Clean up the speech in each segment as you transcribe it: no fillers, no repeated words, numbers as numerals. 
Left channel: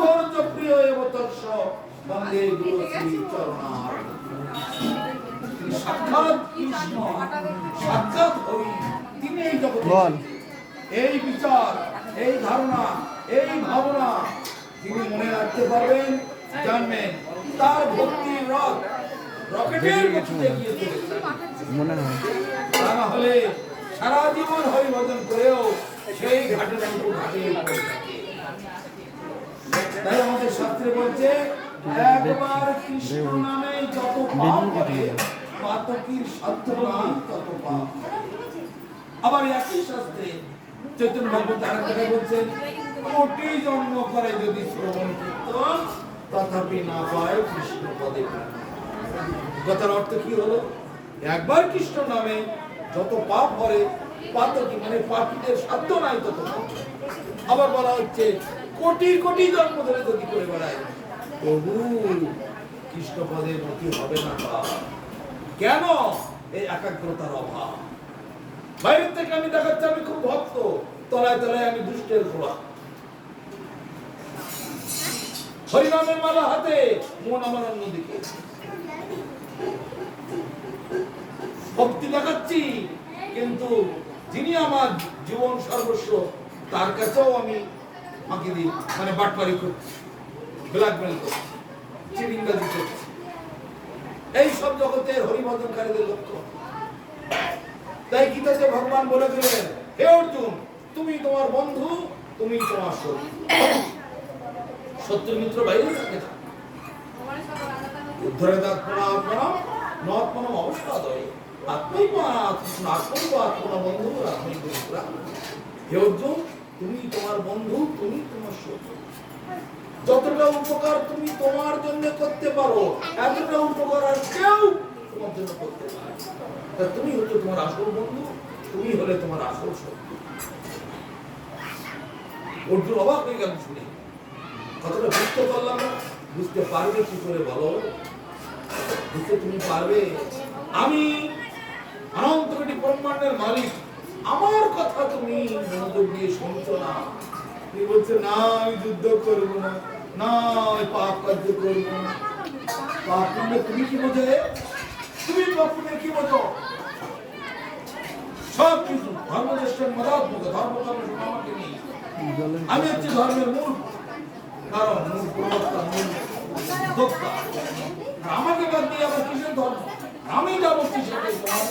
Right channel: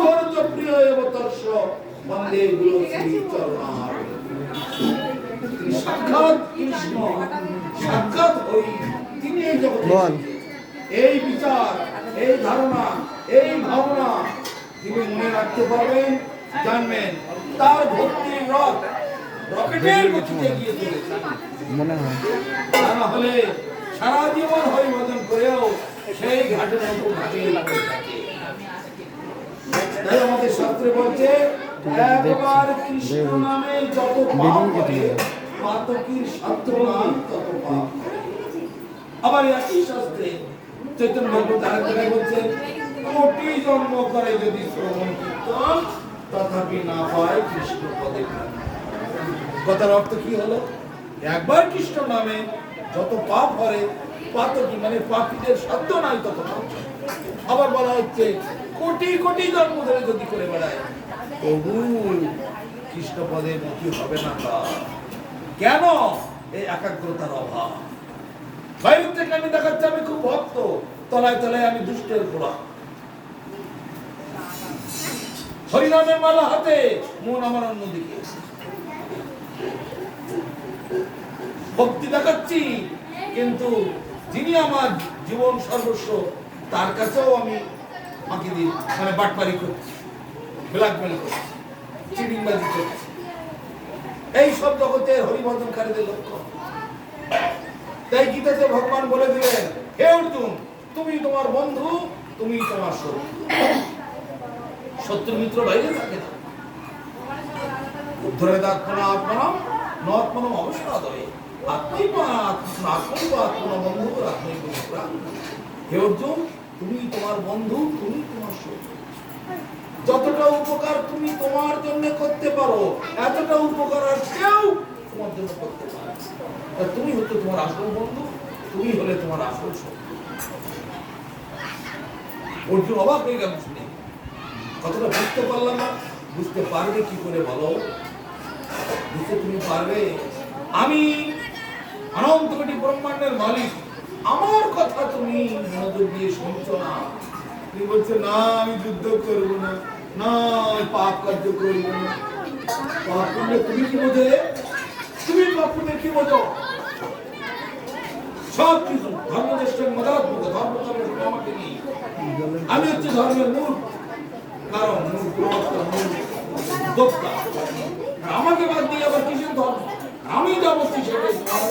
ধৈর্য প্রিয় এবতর্ষ বন্দে গুরু শ্রী চরণার। তিনি সাক্ষাৎ কৃষ্ণ, সাক্ষাৎ হরি, তিনি এই জগতে এই বিচার, এই ধারণা, এই ভাবনা তিনি মনে রাখতে পারবেন, জানবেন। তার ভক্তির রথ রকেটের গতিতে গিয়ে চলেছে মনে হয়। তা না হলে সারা জীবন হরিভজন করেও সেই ঘাটে নৌকো ঘাটে পড়ে থাকে। তাই আমাদের শাস্ত্রে বলছে, একবার কৃষ্ণ নামে যত পাপ করে পাতকীর সাধ্য নাই তত পাপ। আবার একই শাস্ত্রে চৈতন্য ভাগবত আরেক জায়গায় বলছেন, কোটি জন্ম করে যদি শ্রবণ কীর্তন তথাপি না পায় কৃষ্ণ পদে। কথার অর্থ কি হলো? একবার কৃষ্ণ নামে যত পাপ করে পাতকী মানে পাপীদের সাধ্য নাই তত পাপ। আবার বলা হচ্ছে কোটি কোটি জন্ম ধরে যদি করে বেড়ায় তবু কৃষ্ণ পদে মুক্তি হবে না। কেন? এই একাগ্রতার অভাব। বাইরের থেকে আমি দেখাচ্ছি আমি খুব ভক্ত, তলায় তলায় আমি দুষ্টের ঘোড়া। হরিনামের মালা হাতে, মন আমার অন্যদিকে। ভক্তি দেখাচ্ছি, কিন্তু যিনি আমার জীবন সর্বস্ব তার কাছেও আমি ফাঁকি দিই, মানে বাটপারি করছি, ব্ল্যাকমেল করছি, চিটিংবাজি করছি। এই সব জগতের হরিভজনকারীদের লক্ষ্য। তাই গীতাতে ভগবান বলে দিলেন, হে অর্জুন, তুমি তোমার বন্ধু, তুমি তোমার শত্রু। শত্রু মিত্র বাইরে থাকে না। উদ্ধরে আত্মনা আত্মনাম নত্মনম অবসাদয়ে আত্মনা বন্ধু আত্মৈব মিত্রা। হে অর্জুন, তুমি তোমার বন্ধু, তুমি তোমার শত্রু। যতটা উপকার তুমি তোমার জন্য করতে পারো, এতটা উপকার আর কেউ তোমার জন্য করতে পারে না। তুমি হচ্ছে তোমার আসল বন্ধু, তুমি হলে তোমার আসল শত্রু। অর্জুন অবাক হয়ে গেল শুনে, কতটা বুঝতে পারলাম না। বুঝতে পারবে কি করে বলো? বুঝতে তুমি পারবে? আমি অনন্ত কোটি ব্রহ্মাণ্ডের মালিক, আমার কথা তুমি মনোযোগ দিয়ে শুনছো না। তুমি বলছো না আমি যুদ্ধ করবো না, না পাপ কার্য করবো না। পাপ করলে তুমি কি বোঝে? তুমি পাপ করলে কি বোঝো? সব কিছু ধর্মদেশ মদাত্মক ধর্ম আমাকে নেই। আমি হচ্ছে ধর্মের মূল কারণ, মূল প্রবক্তা, মূল উদ্যোক্তা। আমাকে বাদ দিয়ে আবার কিসের ধর্ম? আমি যা বলছি সেটাই তোমার।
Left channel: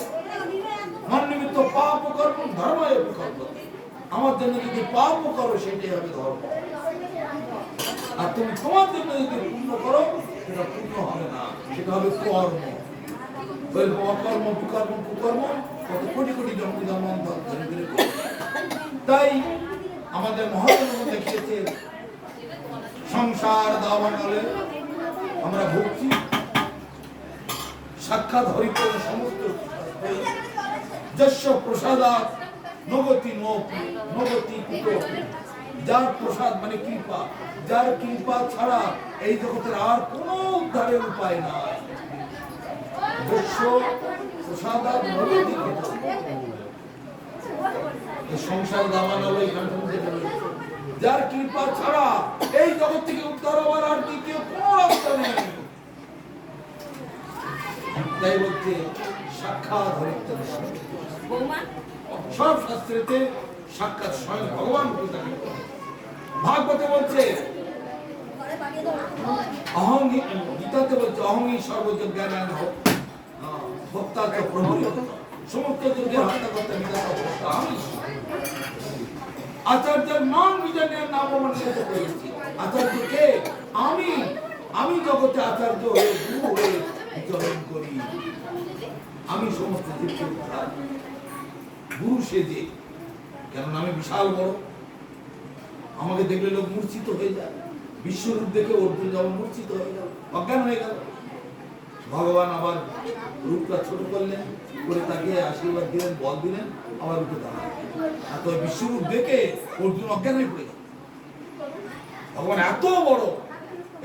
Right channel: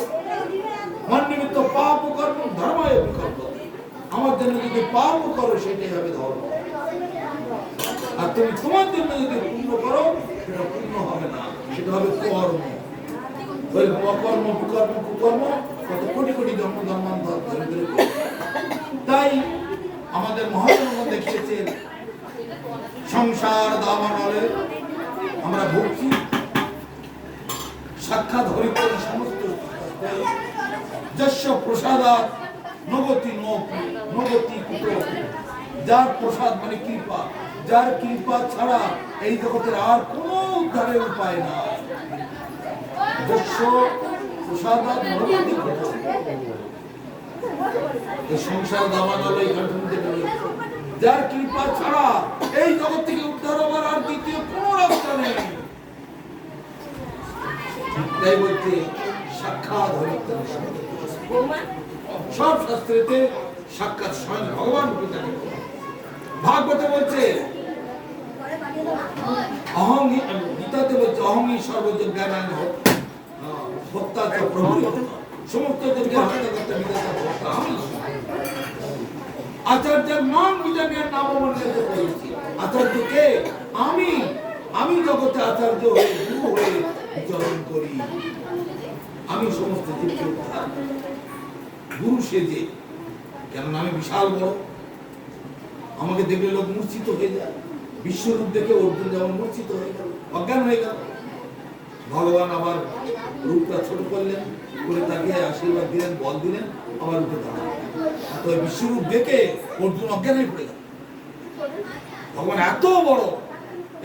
মন নিমিত্ত পাপ কর্ম ধর্মায় বিকল্প। আমার জন্য যদি পাপ করো সেটাই হবে ধর্ম, আর তুমি তোমার জন্য যদি পুণ্য করো সেটা পুণ্য হবে না, সেটা হবে কর্ম। অকর্ম কুকর্ম কুকর্ম কত কোটি কোটি জন্ম জন্মান্তর ধরে ধরে। তাই আমাদের মহাজন দেখিয়েছেন, সংসার দাবানলে আমরা ভুগছি। সাক্ষাৎ হরিপদ সমস্ত যস্য প্রসাদাৎ নগতি নগতি কুতোপি। যার প্রসাদ মানে কৃপা, যার কৃপা ছাড়া এই জগতের আর কোনো উদ্ধারের উপায় নাই। যস্য প্রসাদাৎ নগতি কুতোপি। সংসার দাবানলে এখানে যার কৃপা ছাড়া এই জগৎ থেকে উদ্ধার হবার আর দ্বিতীয় কোনো রাস্তা নেই। তাই বলতে সাক্ষাৎ হরিপদ সব শাস্ত্রেতে সাক্ষাৎ স্বয়ং ভগবান ভাগবতে বলছে, গীতাতে বলছে অহংই সর্বযোগ জ্ঞান হত্যা প্রভু সমস্ত যজ্ঞের হত্যা করতে বিধাতা হত্যা আমি। আচার্যের নাম বিজনের নাম মন্ডিত করেছি। আচার্যকে আমি, আমি জগতে আচার্য হয়ে গুরু হয়ে বিচরণ করি। আমি সমস্ত জীবকে উদ্ধার গুরু সেজে, কেননা আমি বিশাল বড়। আমাকে দেখলে লোক মূর্ছিত হয়ে যায়। বিশ্বরূপ দেখে অর্জুন যেমন মূর্ছিত হয়ে গেল, অজ্ঞান হয়ে গেল। ভগবান আবার রূপটা ছোট করলেন, করে তাকে আশীর্বাদ দিলেন, বল দিলেন, আবার উঠে দাঁড়ালেন। আর তো বিশ্বরূপ দেখে অর্জুন অজ্ঞান হয়ে পড়ে গেল। ভগবান এত বড়।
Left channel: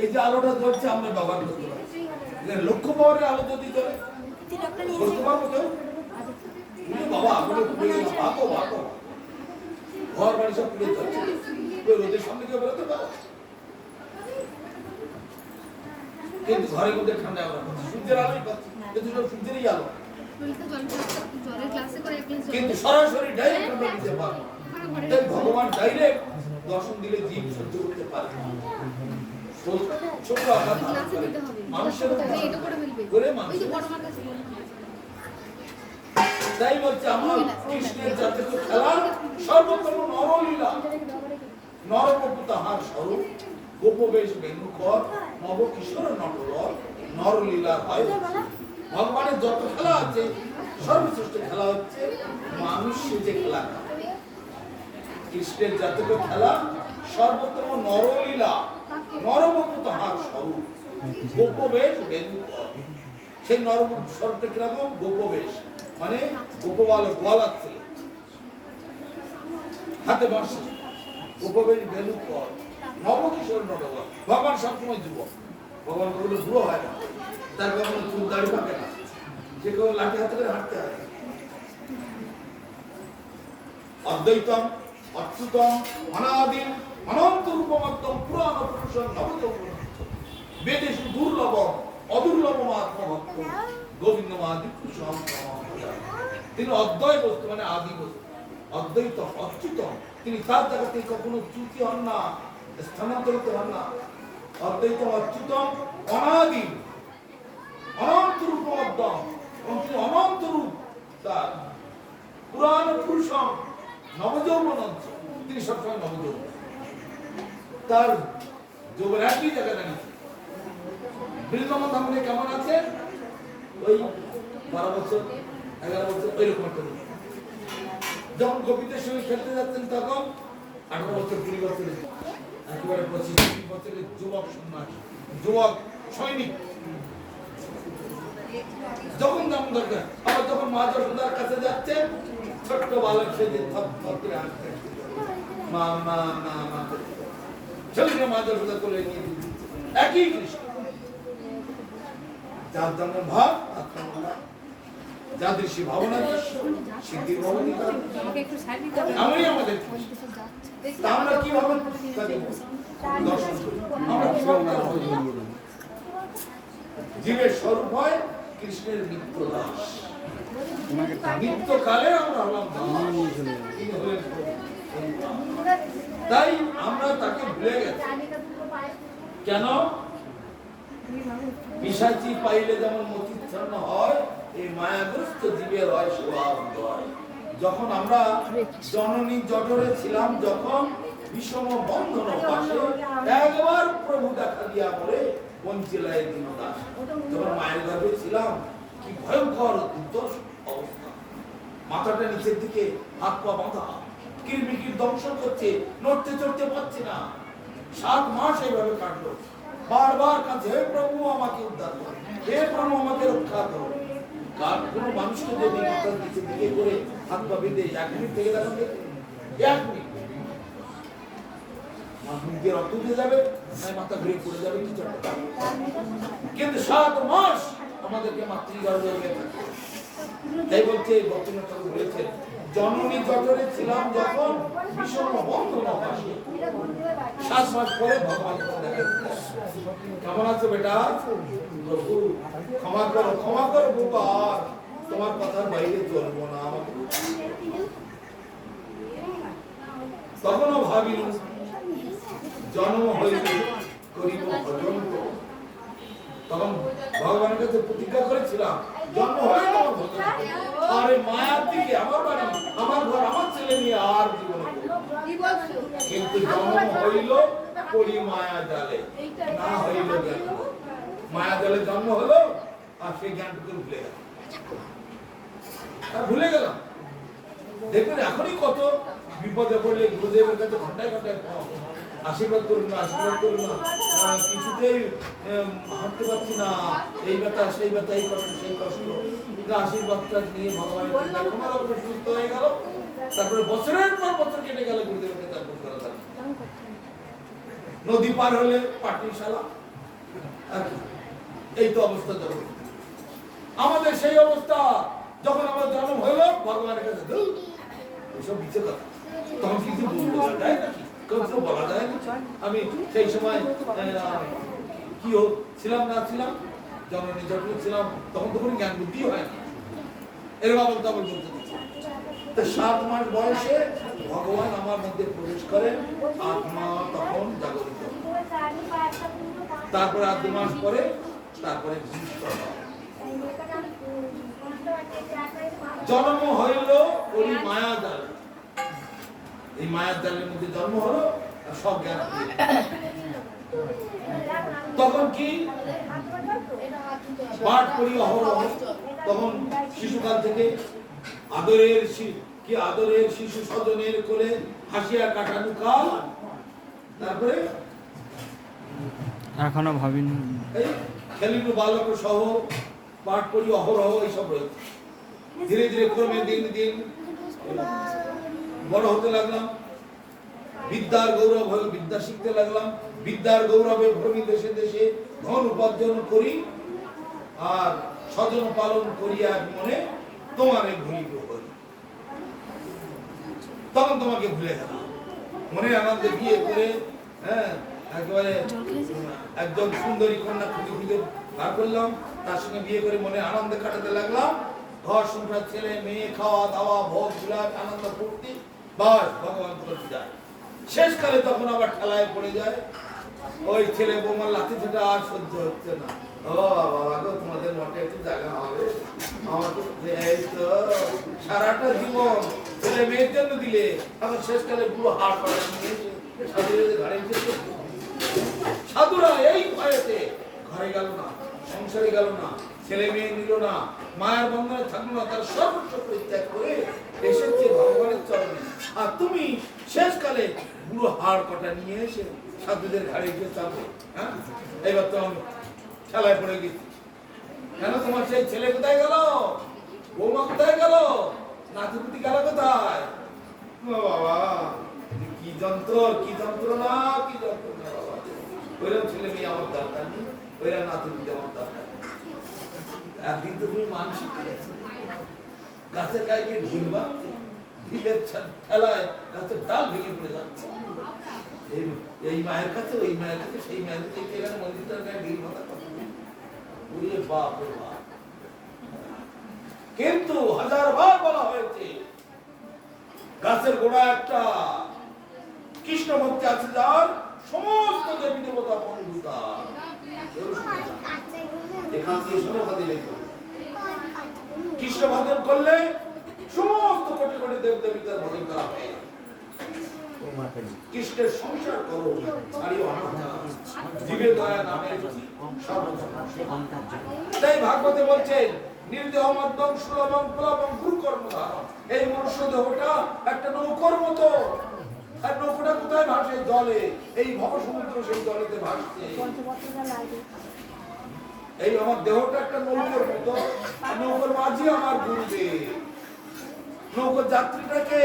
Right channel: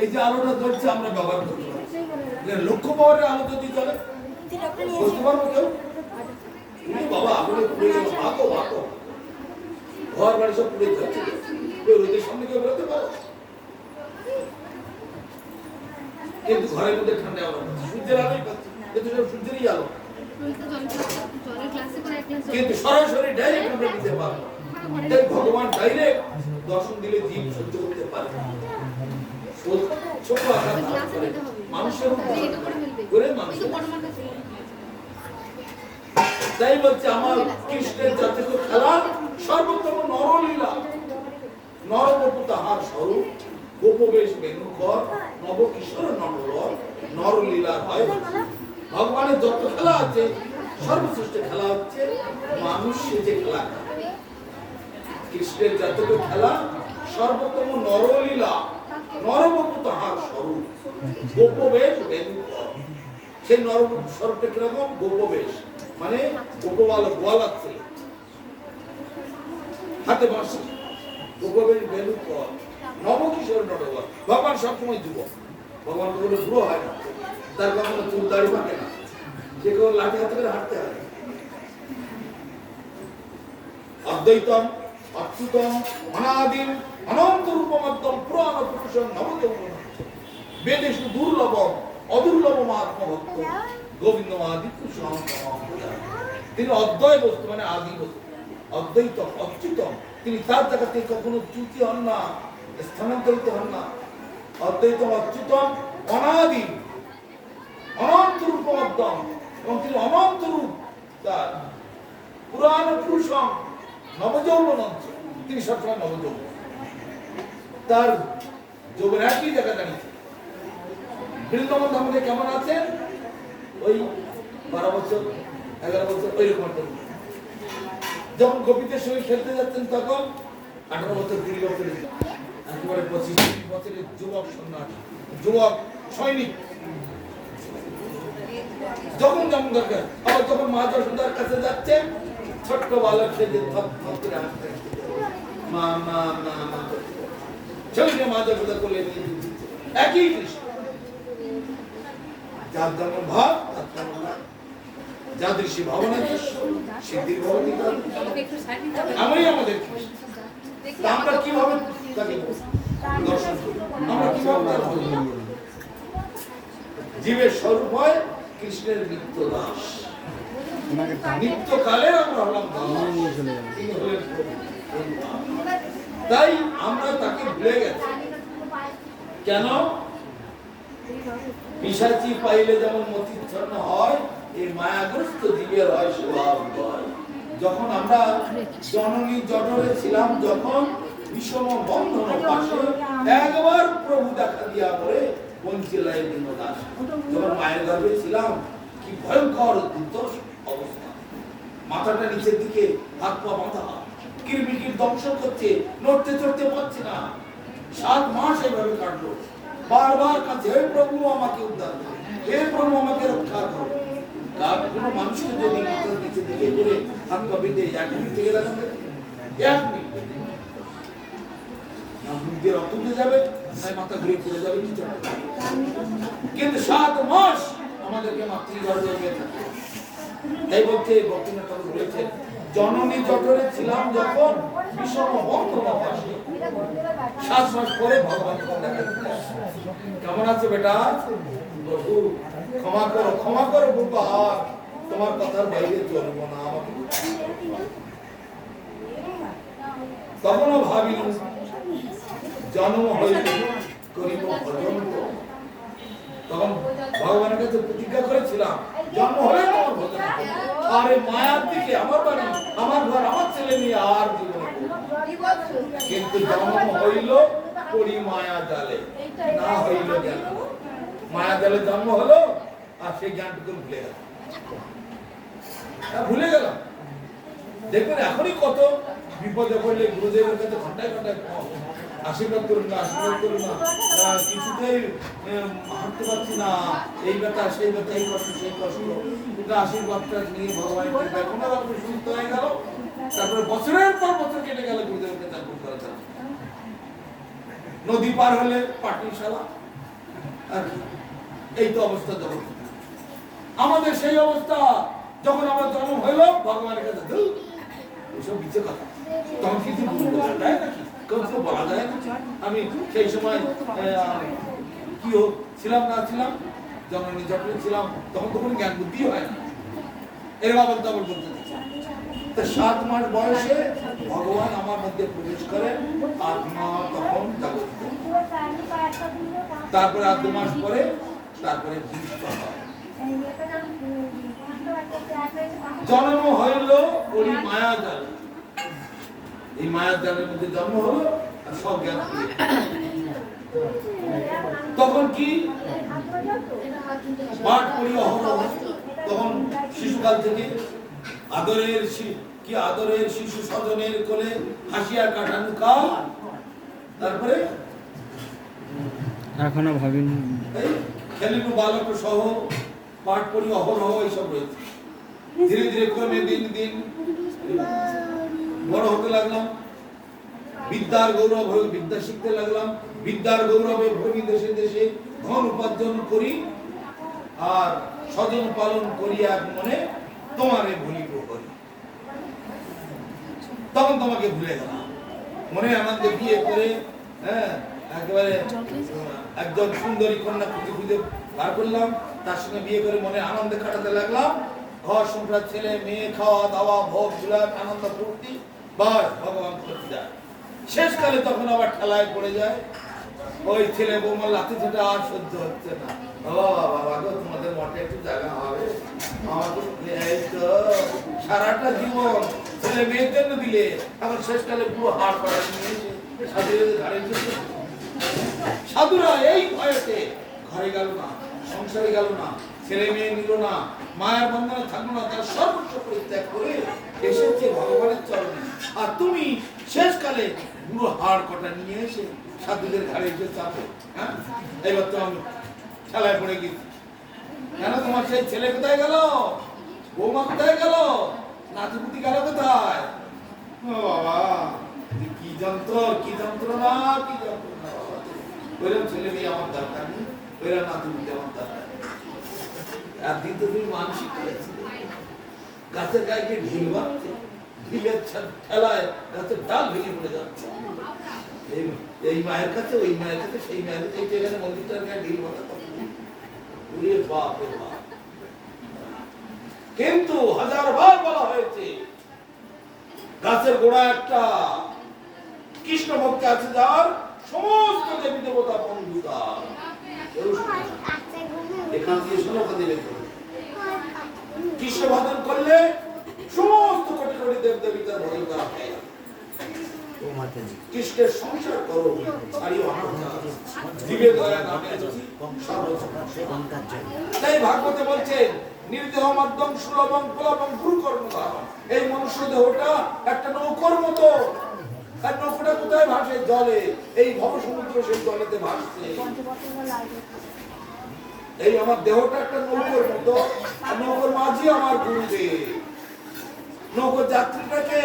এই যে আলোটা জ্বলছে আমরা ব্যবহার করতে পারি। লক্ষ্য পাওয়ারের আলো যদি জ্বলে বুঝতে পারবো কেউ? বাবা আগুনে পুড়ে গেল, ভাগো ভাগো, ঘর বাড়ি সব পুড়ে যাচ্ছে, রোদের সামনে কেউ বেরোতে পারো? কিন্তু ঘরের মধ্যে ঠান্ডা আমরা পাচ্ছি, সূর্যের আলোই পাচ্ছি, কিন্তু সব সূর্যেরই আলো, কিন্তু সরাসরি ডাইরেক্ট আমরা নিতে পারবো। তাই ভগবান ডাইরেক্ট দর্শন দিলে জীব সহ্য করতে পারে না। ছোট আঘাত করে মানুষের করে মানুষ। তাই বলছে আমার কৃষ্ণের জাতিক খেলা সর্বোত্তম নরলীলা, নরবপু তাহার স্বরূপ, গোপবেশ বেণুকর, নবকিশোর নটবর, নরলীলা হয়। ভগবানের যত খেলা আছে সর্বশ্রেষ্ঠ খেলা হচ্ছে মানুষ সেজে খেলা। কৃষ্ণের জাতিক খেলা সর্বোত্তম নরলীলা, নরবপু তাহার স্বরূপ, গোপবেশ বেণুকর। সেই নরবপু স্বরূপটা কিরকম? গোপবেশ মানে গোপবাল গোয়ালার ছেলে, হাতে বাঁশি, গোপবেশ বেণুকর, নবকিশোর নটবর। ভগবান সবসময় যুবক, ভগবান কখনো বুড়ো হয় না, তার কখনো চুল দাড়ি পাকে না, সে কোনো লাঠি হাতে করে হাঁটতে হয়। অদ্বৈতম অচ্যুতম অনাদিম অনন্ত রূপমদ্যম পুরাণ পুরুষম নবযৌবন বেদেশু দুর্লভম অদুর্লভম আত্মভক্ত গোবিন্দমাদিত্য স্বয়ং। তিনি অদ্বয় বস্তু মানে আদি বস্তু, অদ্বৈতম অচ্যুতম, তিনি তার জায়গা থেকে কখনো চ্যুতি হন না, স্থানান্তরিত হন না। অদ্বৈতম অচ্যুতম অনাদিম অনন্ত রূপমদ্যম, এবং তিনি অনন্ত রূপ, তার পুরাণ পুরুষম নবযৌবন, তিনি সবসময় নবযৌবন, তার যৌবন একই জায়গা দাঁড়িয়েছে। বৃন্দাবন ধামে কেমন আছে? ওই 12 বছর 11 বছর ওইরকম একটা। যখন গোপীদের সঙ্গে খেলতে যাচ্ছেন তখন 18 বছর 20 বছরের, একেবারে 25-30 বছরের যুবক সন্ন্যাসী, যুবক সৈনিক, যখন যেমন দরকার। আবার যখন মা যশোদার কাছে যাচ্ছে ছোট্ট বালক সে যে থপ থপ করে হাঁটতে, মা মা মা মা ছবিটা মা যশোদা কোলে নিয়ে দিচ্ছে। একই কৃষ্ণ, যার জন্ম ভাব তার জন্ম না, যাদৃশী ভাবনা সিদ্ধির ভবতি তার, আমরাই আমাদের কৃষ্ণ। আমরা কিভাবে তাকে দর্শন করি? আমরা কিভাবে জীবের স্বরূপ হয় কৃষ্ণের নিত্য দাস, নিত্যকালে আমরা হলাম দাস, তিনি হলেন প্রভু। তাই আমরা তাকে ভুলে গেছি। কেন? পিশাচি পাইলে যেমন মতিচ্ছন্ন হয়, এই মায়াগ্রস্ত জীবের হয় স্বভাব হয়। যখন আমরা জননী জঠরে ছিলাম, যখন বিষম বন্ধন পাশে একবার প্রভু দেখা দিয়া পরে বঞ্চিলায় দিন দাস। যখন মায়ের গর্ভে ছিলাম কি ভয়ঙ্কর দুর্দশ অবস্থা, মাথাটা নিচের দিকে, হাত পা বাঁধা, কিরমিকির দংশন করছে, নড়তে চড়তে পারছে না। 7 মাস এইভাবে কাটলো, বারবার কাছে, হে প্রভু আমাকে উদ্ধার করো, হে প্রভু আমাকে রক্ষা করো। কার কোনো মানুষকে যদি মাথার নিচে দিকে করে হাত পা বেঁধে 1 মিনিট থেকে রাখেন, 1 মিনিট দিয়ে রক্ত উঠে যাবে, মাথা ঘুরে পড়ে যাবে, কিছু একটা। কিন্তু 7 মাস আমাদেরকে মাতৃগর্ভে থাকতে। তাই বলছে ভক্তিনাথ ঠাকুর বলেছেন, জননী জঠরে ছিলাম যখন বিষম বন্ধন পাশে, 7 মাস পরে ভগবান দেখা দিতে। কেমন আছে বেটা? প্রভু ক্ষমা করো, ক্ষমা করো বাবা, তোমার কথার বাইরে চলবো না। আমাকে তখনও ভাবিনি জন্ম হইলে করিব ভজন। তখন ভগবানের কাছে প্রতিজ্ঞা করেছিলাম জন্ম হলে তোমার ভজন। আরে মায়ার দিকে, আমার বাড়ি, আমার ঘর, আমার ছেলে নিয়ে আর জীবনে। কিন্তু জন্ম হইল পড়ি মায়া জালে, না হইল জ্ঞান। মায়া জালে জন্ম হলো, আর সেই জ্ঞানটুকু ভুলে গেল, ভুলে গেলাম। দেখবেন এখনই কত বিপদে পড়লে গুরুদেবের কাছে ঘন্টায় ঘন্টায় আশীর্বাদ করুন না, আশীর্বাদ করুন না, কিছুতেই হাঁটতে পারছি না, এই ব্যথা সেই ব্যথা, এই কষ্ট সেই কষ্ট। আশীর্বাদটা নিয়ে ভগবানের কৃপায় কোনো রকম সুস্থ হয়ে গেল। তারপরে বছরের পর বছর কেটে গেল, গুরুদেবকে তারপর করা যায়। নদী পার হলে পাটনিশালা, এই তো অবস্থা। যখন আমাদের সেই অবস্থা, যখন আমার জন্ম হইল ভগবানের কাছে, এসব বিচে কথা, তখন কিছু বলা যায় নাকি? কিছু বলা যায় না। আমি সেই সময় কি ছিলাম না ছিলাম, জননী যখন ছিলাম তখন তো কোনো জ্ঞান বুদ্ধি হয় না, এরকম আবার তাবল বলতে থাকে। তো 7 মাস বয়সে ভগবান আমার মধ্যে প্রবেশ করেন, আত্মা তখন জাগরিত। তারপরে আর 2 মাস পরে তারপরে ভূমিষ্ঠ হয়। জন্ম হইল ওই মায়া জাল, এই মায়ার জালের মধ্যে জন্ম হলো আর সব জ্ঞান হারিয়ে গেল। তখন কি পাঠ করি অহরহ, তখন শিশুকাল থেকে আদরের শিশু স্বজনের কোলে হাসিয়া কাটানো কাল। তারপরে এখনো ভাবিনি এই খেলিনু বালক সহ পাঠ করি অহরহ এইসব রয়েছে। ধীরে ধীরে ক্রমে দিন দিন বড় হতে লাগলাম, বিদ্যার গৌরব হয়ে বিদ্যা শিখতে লাগলাম, বিদ্যার গৌরবে ভ্রমি দেশে দেশে ধন উপার্জন করি, আর স্বজন পালন করিয়া মনে তোমারে ভুলিব করি। তখন তোমাকে ভুলে গেলাম, মনে আনন্দে বিয়ে করে, হ্যাঁ একেবারে একজন সুন্দরী কন্যা খুঁজে খুঁজে বার করলাম, তার সঙ্গে বিয়ে করে মনে আনন্দে কাটাতে লাগলাম, ঘর সংসার, ছেলে মেয়ে, খাওয়া দাওয়া, ভোগ বিলাস, আনন্দ ফুর্তি, বাস ভগবান বিদায়। শেষকালে তখন আবার ঠেলায় পড়ে যায়, ওই ছেলে বৌমার লাথি ঝাঁটা আর সহ্য হচ্ছে না। ও বাবা গো, তোমাদের মঠে একটু জায়গা হবে, আমার তো এই তো সারাটা জীবন ছেলে মেয়ের জন্য দিলে, আবার শেষকালে পুরো হাড় পাড়া নিয়ে সাধুদের ঘাড়ে এসেছে। সাধুরা এই ভয়েতে ঘরে গেল না, সংসারে গেল না, ছেলে মেয়ে নিল না, মায়ের বন্ধনে থাকলো না, তার সর্বস্ব পরিত্যাগ করে এসেছে ভগবানের চরণে। আর তুমি শেষকালে পুরো হাড় কটা নিয়ে এসে সাধুদের ঘাড়ে এসে চাপো। হ্যাঁ, এইবার তো আমি খেলায় পড়ে গেছি। কেন তোমার সেই ছেলে কোথায় গেল, বৌমা কোথায় গেল, নাতিপুতি গেল কোথায়? ও বাবা, কি যন্ত্র, কি যন্ত্রণা, কি যন্ত্রণা বাবা। ওইরকম ছেলে মেয়ে আমার দরকার নেই, ওইরকম নাতিপুতি আমার দরকার নেই। একদিন তো তুমি মানসিক করেছিলে, গাছের গায়ে গিয়ে ঢিল বাঁধছে, ঢিলের ঠেলায় গাছের ডাল ভেঙে পড়ে যাচ্ছে। এই মায়ের কাছে, ওই মায়ের কাছে, সেই মায়ের কাছে, এখানে মন্দিরটার গায়ে ঢিল বাঁধা তখন বাপ রে বাপ। কিন্তু 1000 বার বলা হয়েছে, গাছের গোড়া একটা কৃষ্ণ ভক্তি আছে যার, সমস্ত দেবী দেবতা বন্ধুতা। এখান দিয়ে শোনো কথা দিলে, কৃষ্ণ ভজন করলে সমস্ত কোটি কোটি দেব দেবীদের ভজন করা হয়। কৃষ্ণের সংসার করো, ছাড়িও অনাচার, জীবে দয়া নামে তাই ভাগবতে বলছেন, নির্দেহ মধ্যম সুলভম কুলভম গুরু কর্মধার। এই মনুষ্য দেহটা একটা নৌকোর মতো, আর নৌকোটা কোথায় ভাসে? জলে। এই ভব সমুদ্র সেই জলেতে ভাসছে। এই আমার দেহটা একটা নৌকোর মতো, নৌকোর মাঝি আমার গুরুদেব। নৌকোর যাত্রীটাকে,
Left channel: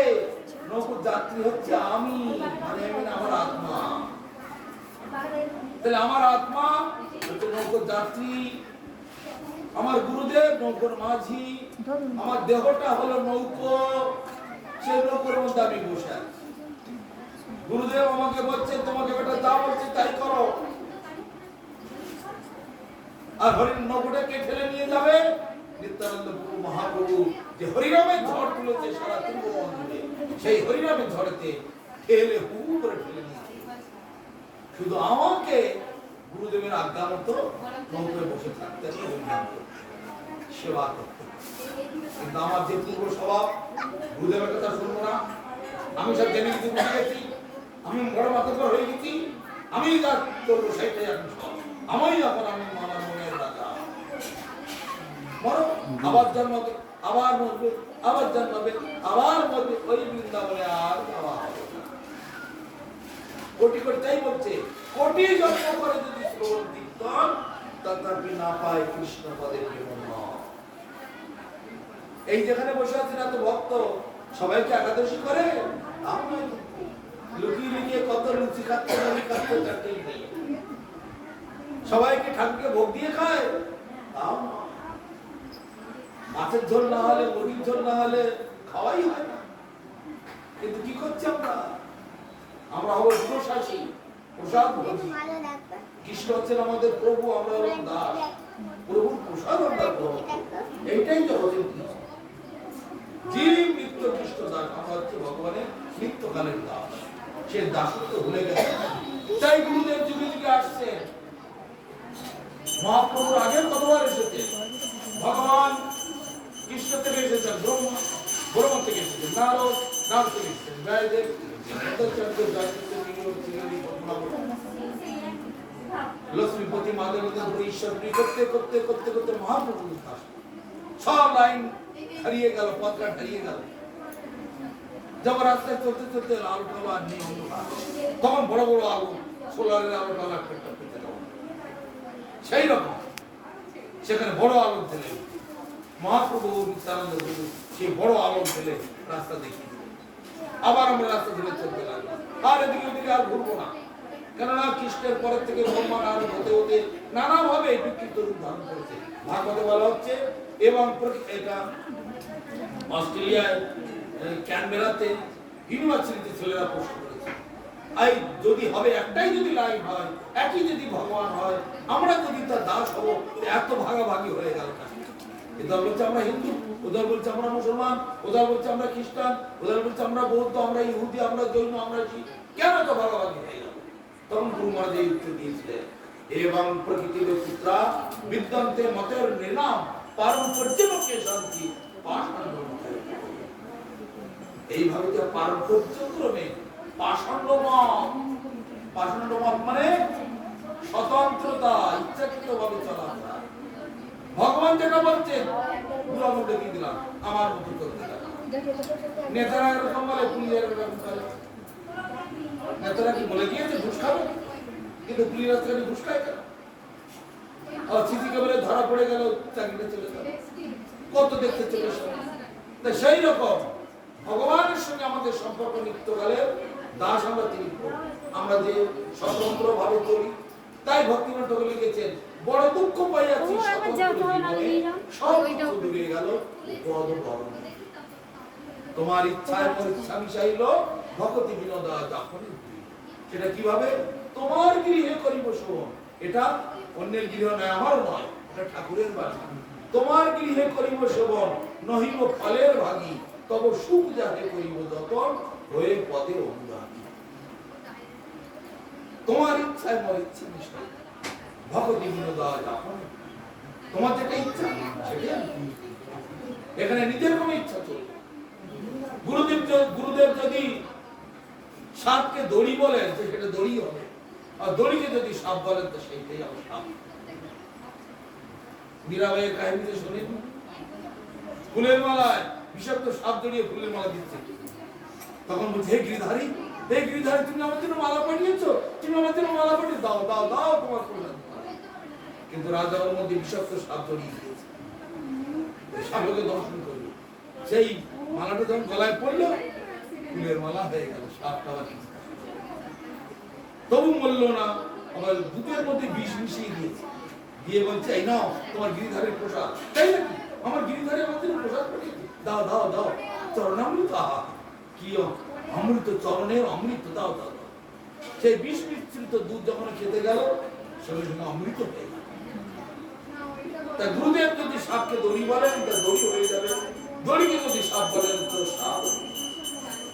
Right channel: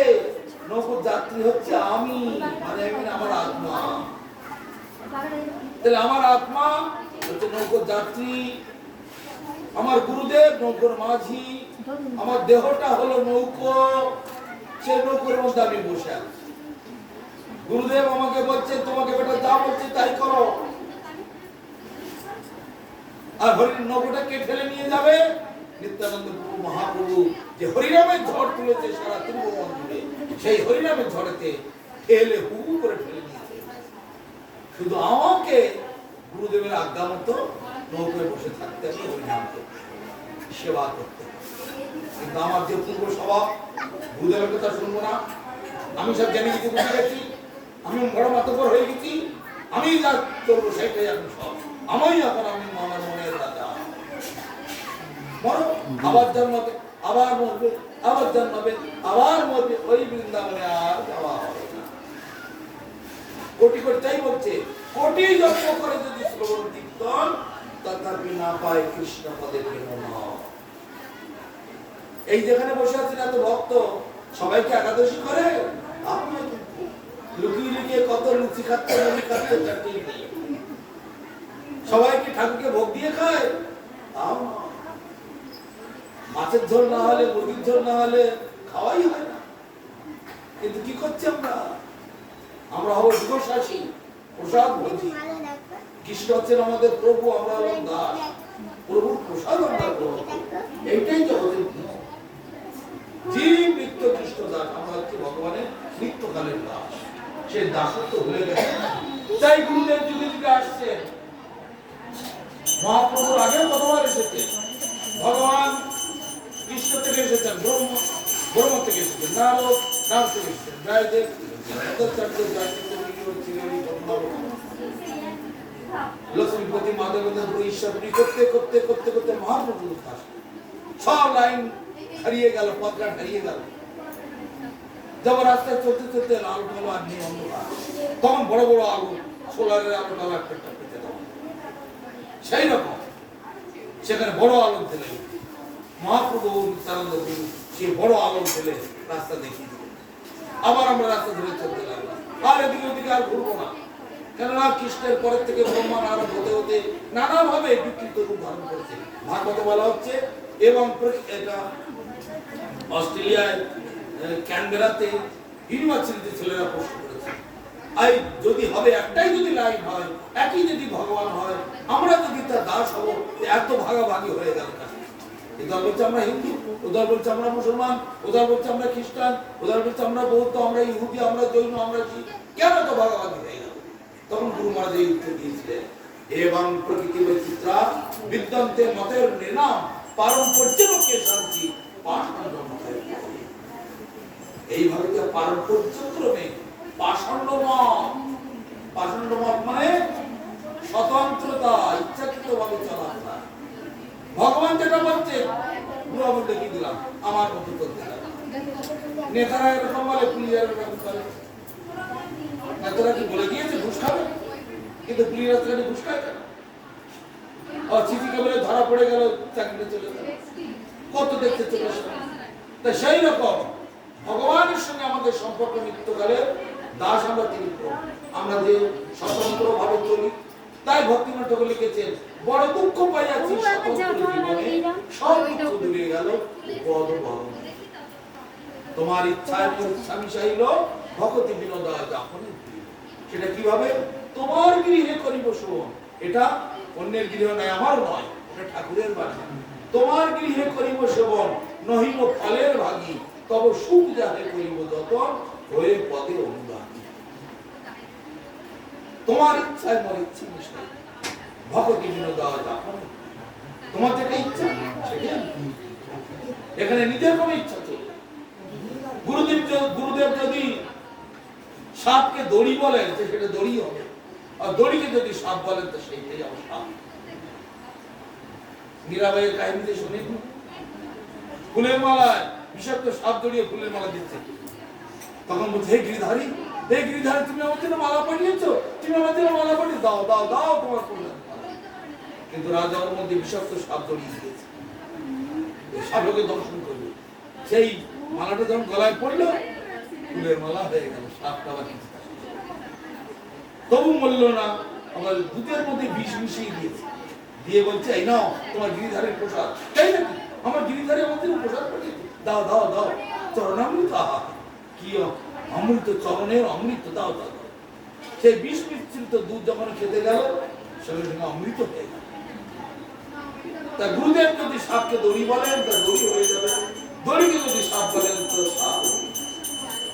নৌকোর যাত্রী হচ্ছে আমি, মানে আমার আত্মা। তাহলে আমার আত্মা হচ্ছে নৌকোর যাত্রী, আমার গুরুদেব নৌকোর মাঝি, আমার দেহটা হলো নৌকো, সেই নৌকোর মধ্যে আমি বসে আছি। গুরুদেব আমাকে বলছে, তোমাকে বেটা যা বলছে তাই করো। আর হরিণ নৌকোটা কে ঠেলে নিয়ে যাবে? নিত্যানন্দ প্রভু মহাপ্রভু যে হরিনামের ঝড় তুলেছে সারা ত্রিভুবন জুড়ে, সেই হরিনামের ঝড়েতে ঠেলে হু করে ঠেলে নিয়েছে। শুধু আমাকে গুরুদেবের আজ্ঞা মতো নৌকোয় বসে থাকতে হবে, হরিনাম করতে, সেবা করতে। কিন্তু আমার যে পূর্ব স্বভাব, গুরুদেবের কথা শুনবো না, আমি সব জেনে গেছি, বুঝে গেছি, আমি বড় মাতব্বর হয়ে গেছি, আমি যা করবো সেটাই এখন সব আমি। এখন আমি আমার মনের রাজা। মরো, আবার জন্মাবে, আবার মরবে, আবার জন্মাবে, আবার মরবে, ওই বৃন্দাবনে আর যাওয়া হবে না। কোটি কোটি, তাই বলছে, কোটি জন্ম করে যদি শ্রবণ কীর্তন, তথাপি না পায় কৃষ্ণ পদে প্রেম। এই যেখানে বসে আছেন এত ভক্ত, সবাইকে একাদশী করে? লুকিয়ে লুকিয়ে কত লুচি খাচ্ছে, মুড়ি খাচ্ছে, তার ঠিক নেই। সবাইকে ঠাকুরকে ভোগ দিয়ে খায়? মাছের ঝোল না হলে, মুরগির ঝোল না হলে খাওয়াই হয় না। কিন্তু কি করছি আমরা? আমরা হবো যুগশাসী, প্রসাদ ভোজি। কৃষ্ণ হচ্ছেন আমাদের প্রভু, আমরা হলাম দাস। প্রভুর প্রসাদ আমরা গ্রহণ করি, এইটাই জগতের নীতি। জীব নিত্য কৃষ্ণ দাস, আমরা হচ্ছে ভগবানের নিত্যকালের দাস। সেই দাসত্ব ভুলে গেছে, তাই গুরুদেব যুগে যুগে আসছে। মহাপ্রভুর আগে কতবার এসেছে? ভগবান কৃষ্ণ থেকে এসেছেন, ব্রহ্ম থেকে এসেছেন, নারদ থেকে এসেছেন, জয়দেব, লক্ষ্মীপতি, মাধবেন্দ্র, ঈশ্বরী করতে করতে করতে করতে মহাপ্রভুর আসে। সব লাইন হারিয়ে গেল, পথঘাট হারিয়ে গেল। যখন রাস্তায় চলতে চলতে লাল কালো আর নেই অন্ধকার, তখন বড় বড় আলো, সোলারের আলো টালা একটা পেতে দেওয়া। সেই রকম সেখানে বড় আলো ফেলে মহাপ্রভু নিত্যানন্দ গুরু সেই বড় আলো ফেলে রাস্তা দেখিয়ে দিলেন। আবার আমরা রাস্তা ধরে চলতে লাগলাম, আর এদিকে ওদিকে আর ঘুরবো না। কেননা কৃষ্ণের পরের থেকে ব্রহ্মাণ আরো হতে হতে নানাভাবে বিকৃত রূপ ধারণ করেছে। ভাগবতে বলা হচ্ছে, এবং এটা অস্ট্রেলিয়ায় ক্যানবেরাতে ইউনিভার্সিটিতে ছেলেরা প্রশ্ন করেছে, আই যদি হবে একটাই যদি লাইন হয়, একই যদি ভগবান হয়, আমরা যদি তার দাস হব, এত ভাগাভাগি হয়ে গেল কেন? এদের বলছে আমরা হিন্দু, ওদের বলছে আমরা মুসলমান, ওদের বলছে আমরা খ্রিস্টান, ওদের বলছে আমরা বৌদ্ধ, আমরা ইহুদি, আমরা জৈন, আমরা শিখ, কেন এত ভাগাভাগি হয়ে গেল? তখন গুরু মহারাজ এই উত্তর দিয়েছিলেন, এবং প্রকৃতি বৈচিত্রা বিদ্যন্তে মতের নির্নাম পারম্পর্যকে শান্তি পাষাণ্ড মতের। এইভাবে পারম্পর্য ক্রমে পাষাণ্ড মত মানে স্বতন্ত্রতা, ইচ্ছাকৃত ভাবে চলাফেরা। ভগবান যেটা বলছে পুরো মধ্যে কি দিলাম, আমার মতো করতে লাগে। নেতারা এরকম বলে, পুলিশের এরকম করে। নেতারা কি বলে দিয়েছে ঘুষ খাবে, কিন্তু পুলিশ রাস্তাঘাটে ঘুষ খায় কেন? সিসি ক্যামেরায় ধরা পড়ে গেল, চাকরিটা চলে গেল, কত দেখতে চলে আসে। তাই সেই রকম ভগবানের সঙ্গে আমাদের সম্পর্ক নিত্যকালে দাস আমরা, তিনি আমরা যে স্বতন্ত্র ভাবে চলি। তাই ভক্তিনাথ ঠাকুর লিখেছেন, বড় দুঃখ পাইয়াছি স্বতন্ত্র জীবনে, সব কিছু দূরে গেল পদ ভবন। তোমার ইচ্ছায় মোর ইচ্ছা মিশাইল, ভকতি বিনোদা যাপনে। সেটা কিভাবে? তোমার গৃহে করিব শোভন। এটা অন্যের গৃহ নয়, আমারও নয়, এটা ঠাকুরের বাণী। তোমার গৃহে করিব শোভন, নহিব ফলের ভাগী, তব সুখ যাহে করিব যতন, হয়ে পদে অনুরাগী। তোমার ইচ্ছায় মোর ইচ্ছা মিশাইল, ভকতি বিনোদা যাপনে। তোমার যেটা ইচ্ছা সেটাই। এখানে নিজের কোনো ইচ্ছা চলবে। গুরুদেব যদি সাপকে দড়ি বলেন, সেটা দড়ি হবে, আর দড়িকে যদি সাপ বলেন, তো সেইটাই আমার সাপ। মীরাবাইয়ের কাহিনীতে শুনেন, ফুলের মালায় বিষাক্ত সাপ জড়িয়ে ফুলের মালা দিচ্ছে। তখন বলছে, হে গিরিধারী, হে গিরিধারী, তুমি আমার জন্য মালা পাঠিয়েছো, তুমি আমার জন্য মালা পাঠিয়ে দাও, দাও, দাও তোমার ফুলের মালা। কিন্তু রাজা ওর মধ্যে বিষাক্ত সাপ জড়িয়ে দিয়েছে, সাপকে দর্শন করবে। সেই মালাটা যখন গলায় পড়লো, ফুলের মালা হয়ে গেল, সাপটা তবু মরল না। আমার দুধের মধ্যে বিষ মিশিয়ে দিয়েছে, দিয়ে বলছে, এই নাও তোমার গিরিধারীর প্রসাদ। তাই নাকি? আমার গিরিধারী আমাদের প্রসাদ পাঠিয়ে দাও, দাও, দাও, চরণামৃত। আহা, কি অমৃত, চরণের অমৃত, দাও, দাও। সেই বিষ মিশ্রিত দুধ যখন খেতে গেল, সঙ্গে সঙ্গে অমৃত হয়ে গেল। তা গুরুদেব যদি সাপকে দড়ি বলেন, তা দড়ি হয়ে যাবে। দড়িকে যদি সাপ বলেন, তো সাপ।